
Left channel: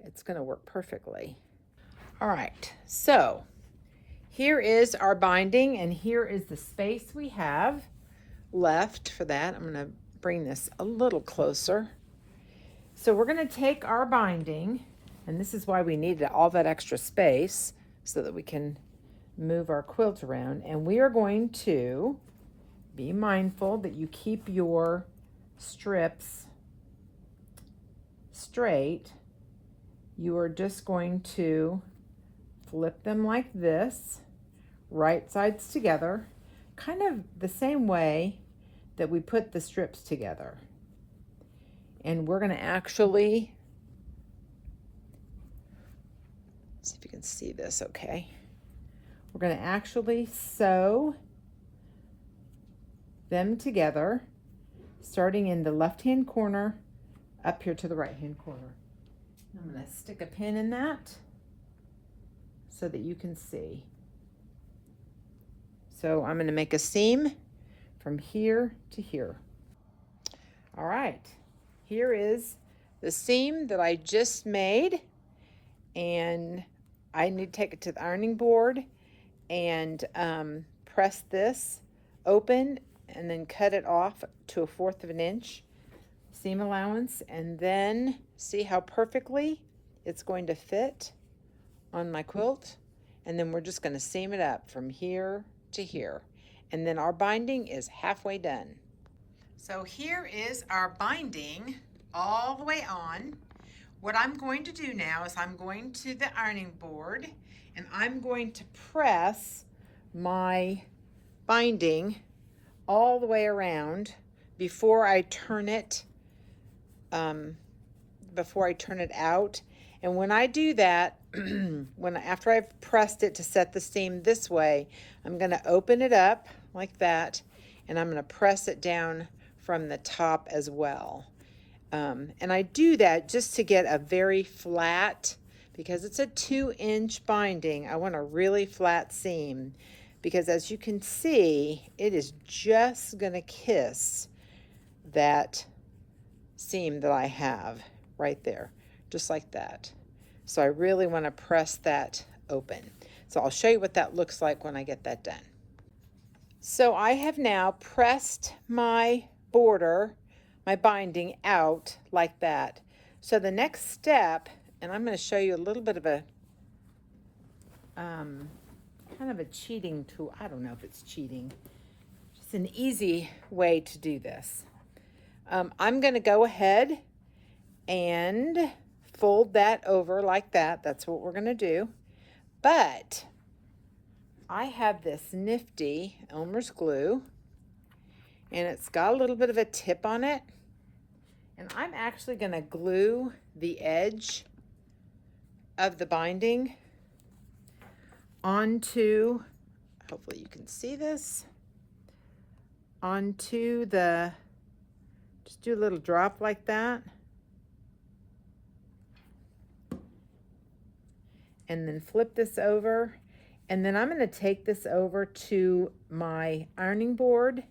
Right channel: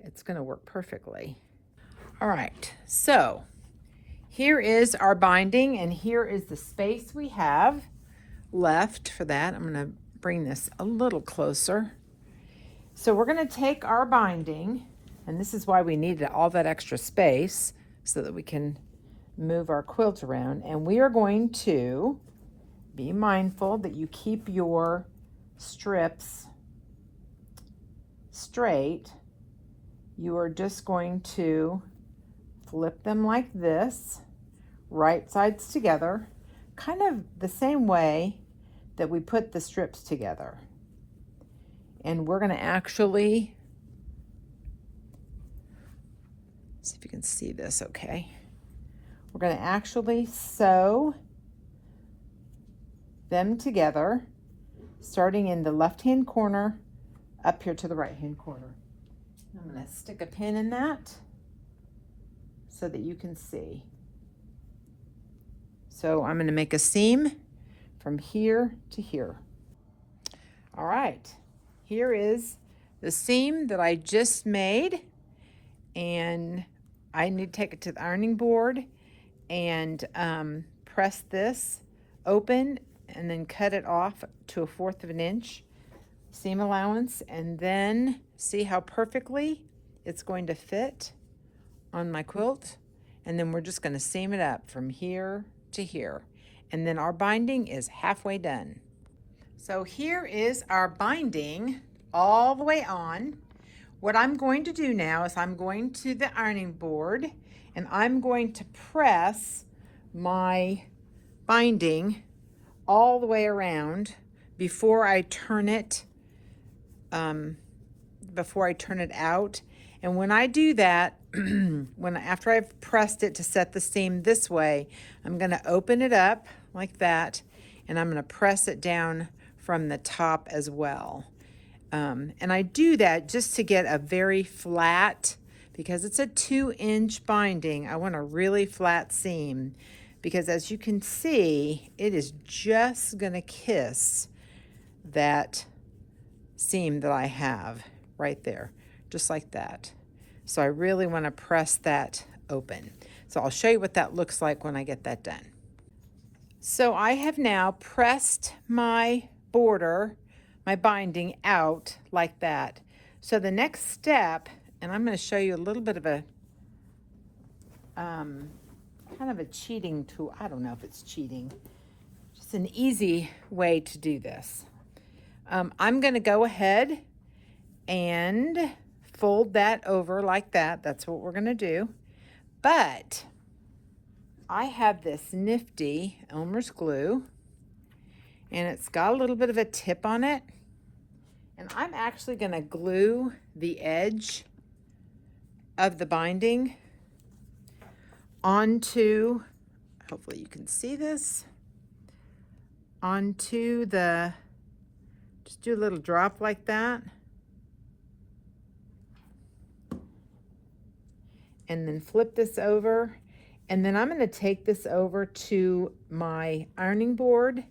it's going to work perfectly. All right, so here is our binding, and here is the space we have left for that. I'm going to bring this a little closer. So we're going to take our binding, and this is why we needed all that extra space so that we can move our quilt around, and we are going to be mindful that you keep your strips straight. You are just going to flip them like this, right sides together, kind of the same way that we put the strips together. And we're going to actually, see if you can see this okay. We're going to actually sew them together, starting in the left-hand corner up here to the right-hand corner. I'm going to stick a pin in that so that you can see. So I'm going to make a seam from here to here. All right, here is the seam that I just made, and I need to take it to the ironing board and press this open and then cut it off to 1/4 of an inch seam allowance, and then see how perfectly it's going to fit on my quilt. And then we're just going to seam it up from here to here, and then our binding is halfway done. So here is our binding all the way on. What I'm going to do now is I'm going to the ironing board, and I'm going to press my binding all the way around before I turn it out. And when I do that, after I've pressed it to set the seam this way, I'm going to open it up like that, and I'm going to press it down from the top as well. And I do that just to get a very flat, because it's a 2-inch binding, I want a really flat seam, because as you can see, it is just going to kiss that seam that I have right there, just like that. So I really want to press that open. So I'll show you what that looks like when I get that done. So I have now pressed my border, my binding out like that. So the next step, and I'm going to show you a little bit of a kind of a cheating tool. I don't know if it's cheating, just an easy way to do this. I'm going to go ahead and fold that over like that. That's what we're going to do. But I have this nifty Elmer's glue, and it's got a little bit of a tip on it. And I'm actually going to glue the edge of the binding onto, hopefully you can see this, onto the, just do a little drop like that. And then flip this over. And then I'm going to take this over to my ironing board.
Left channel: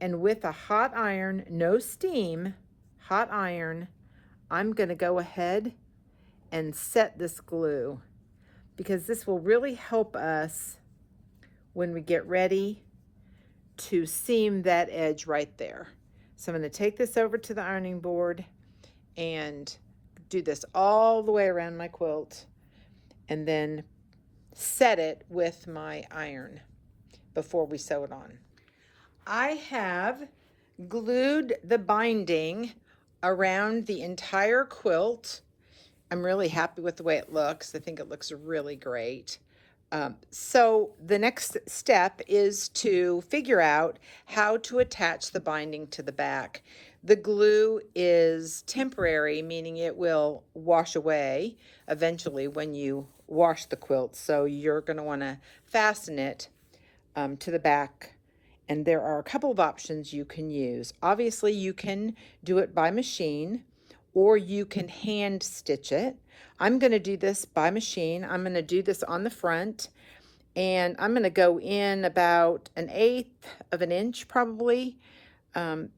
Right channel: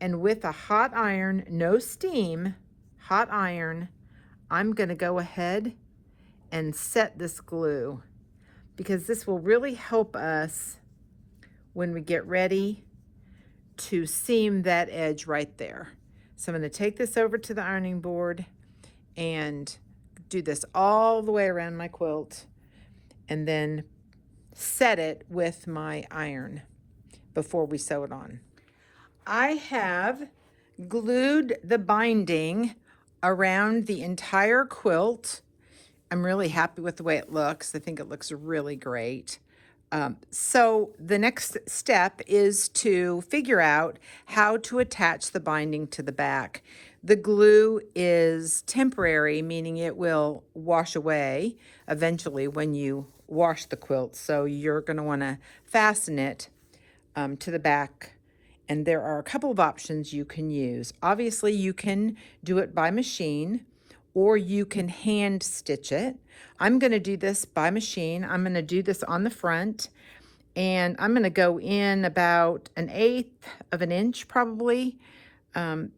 And with a hot iron, no steam, hot iron, I'm going to go ahead and set this glue, because this will really help us when we get ready to seam that edge right there. So I'm going to take this over to the ironing board and do this all the way around my quilt, and then set it with my iron before we sew it on. I have glued the binding around the entire quilt. I'm really happy with the way it looks. I think it looks really great. So the next step is to figure out how to attach the binding to the back. The glue is temporary, meaning it will wash away eventually when you wash the quilt. So you're going to want to fasten it to the back. And there are a couple of options you can use. Obviously, you can do it by machine, or you can hand stitch it. I'm going to do this by machine. I'm going to do this on the front, and I'm going to go in about 1/8 of an inch probably,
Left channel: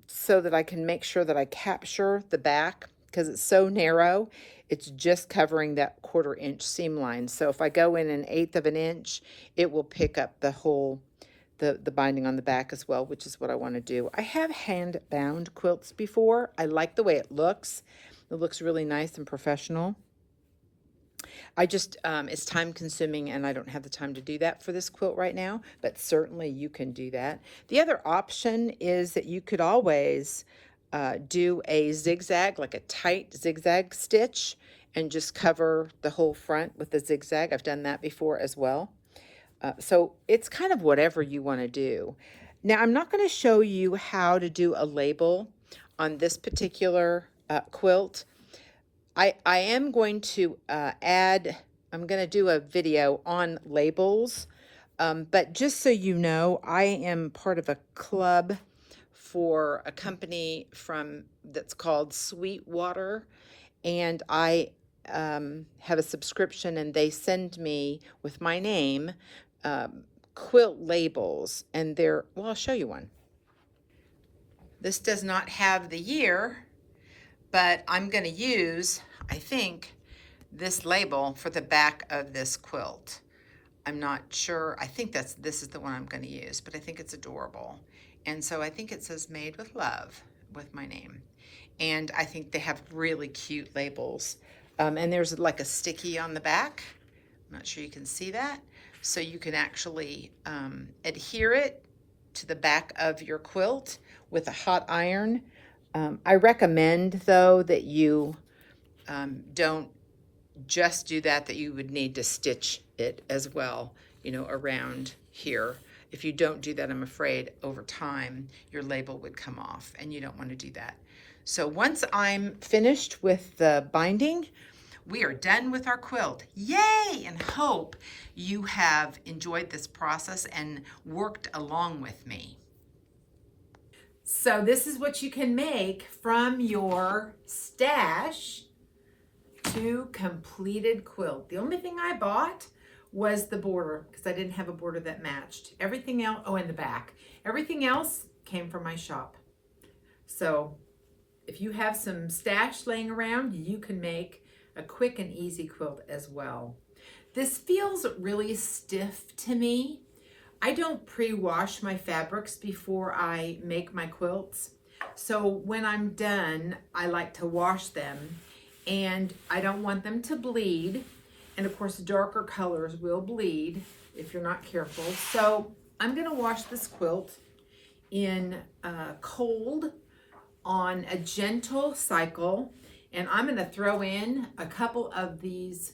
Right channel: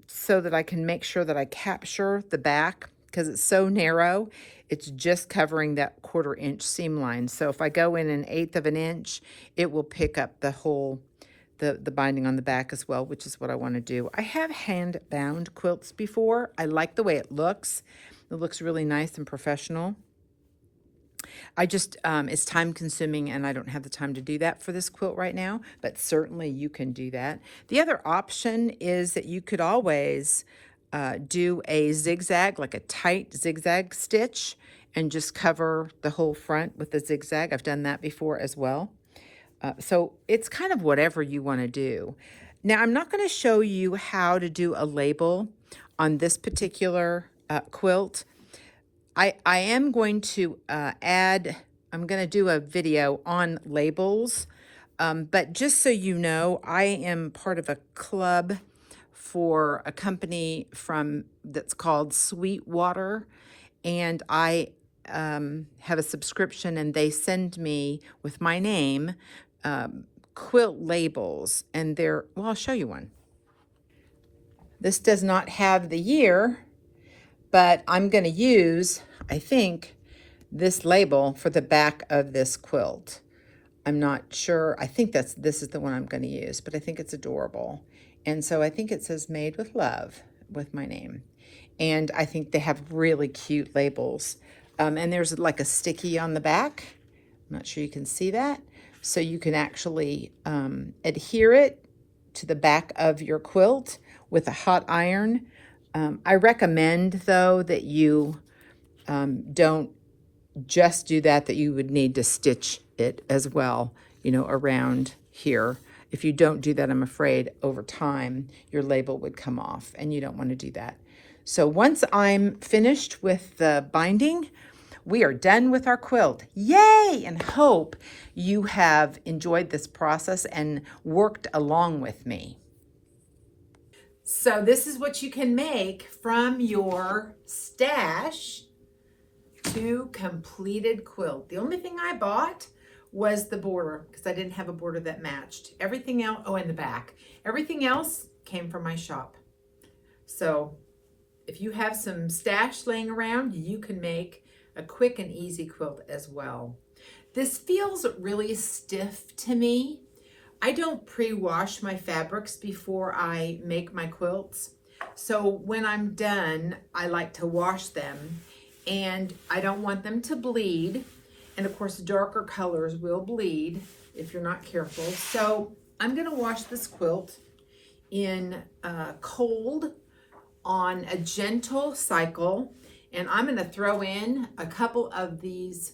so that I can make sure that I capture the back, because it's so narrow. It's just covering that 1/4 inch seam line. So if I go in 1/8 of an inch, it will pick up the whole the binding on the back as well, which is what I want to do. I have hand bound quilts before. I like the way it looks. It looks really nice and professional. I just, it's time consuming, and I don't have the time to do that for this quilt right now, but certainly you can do that. The other option is that you could always do a zigzag, like a tight zigzag stitch, and just cover the whole front with the zigzag. I've done that before as well. So it's kind of whatever you want to do. Now, I'm not going to show you how to do a label on this particular quilt. I am going to I'm going to do a video on labels, but just so you know, I am part of a club for a company that's called Sweetwater, and I have a subscription, and they send me with my name quilt labels, and well, I'll show you one. This does not have the year, but I'm going to use, I think, this label for the back of this quilt. I'm not sure. I think this is the one I'm going to use, but I think it's adorable. And so I think it says made with love with my name. And I think they have really cute labels. And there's like a sticky on the back. I'm not sure you can see that. So you can actually adhere it to the back of your quilt with a hot iron. I recommend, though, that you don't just do that, that you would need to stitch it as well, you know, around here. If you don't do that, I'm afraid over time your label would come off, and you don't want to do that. So once I'm finished with the binding, we are done with our quilt. Yay! And hope you have enjoyed this process and worked along with me. So this is what you can make from your stash to completed quilt. The only thing I bought was the border, because I didn't have a border that matched. Everything else, oh, and the back. Everything else came from my shop. So if you have some stash laying around, you can make a quick and easy quilt as well. This feels really stiff to me. I don't pre-wash my fabrics before I make my quilts. So when I'm done, I like to wash them, and I don't want them to bleed. And of course, darker colors will bleed if you're not careful. So I'm gonna wash this quilt in cold on a gentle cycle, and I'm going to throw in a couple of these.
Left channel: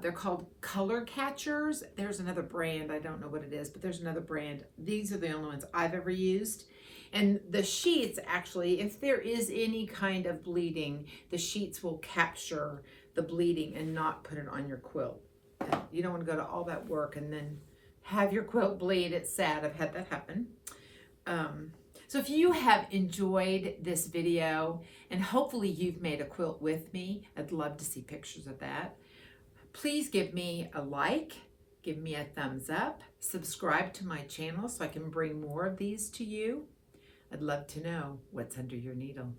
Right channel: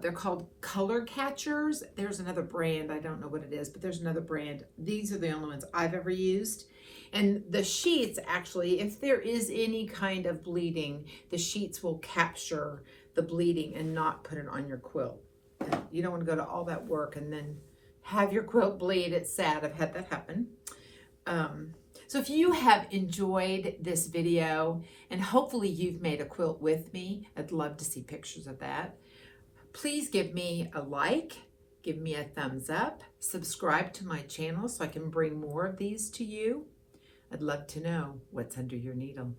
They're called color catchers. There's another brand, I don't know what it is, but there's another brand. These are the only ones I've ever used. And the sheets, actually, if there is any kind of bleeding, the sheets will capture the bleeding and not put it on your quilt. You don't want to go to all that work and then have your quilt bleed. It's sad. I've had that happen. So if you have enjoyed this video, and hopefully you've made a quilt with me, I'd love to see pictures of that. Please give me a like, give me a thumbs up, subscribe to my channel so I can bring more of these to you. I'd love to know what's under your needle.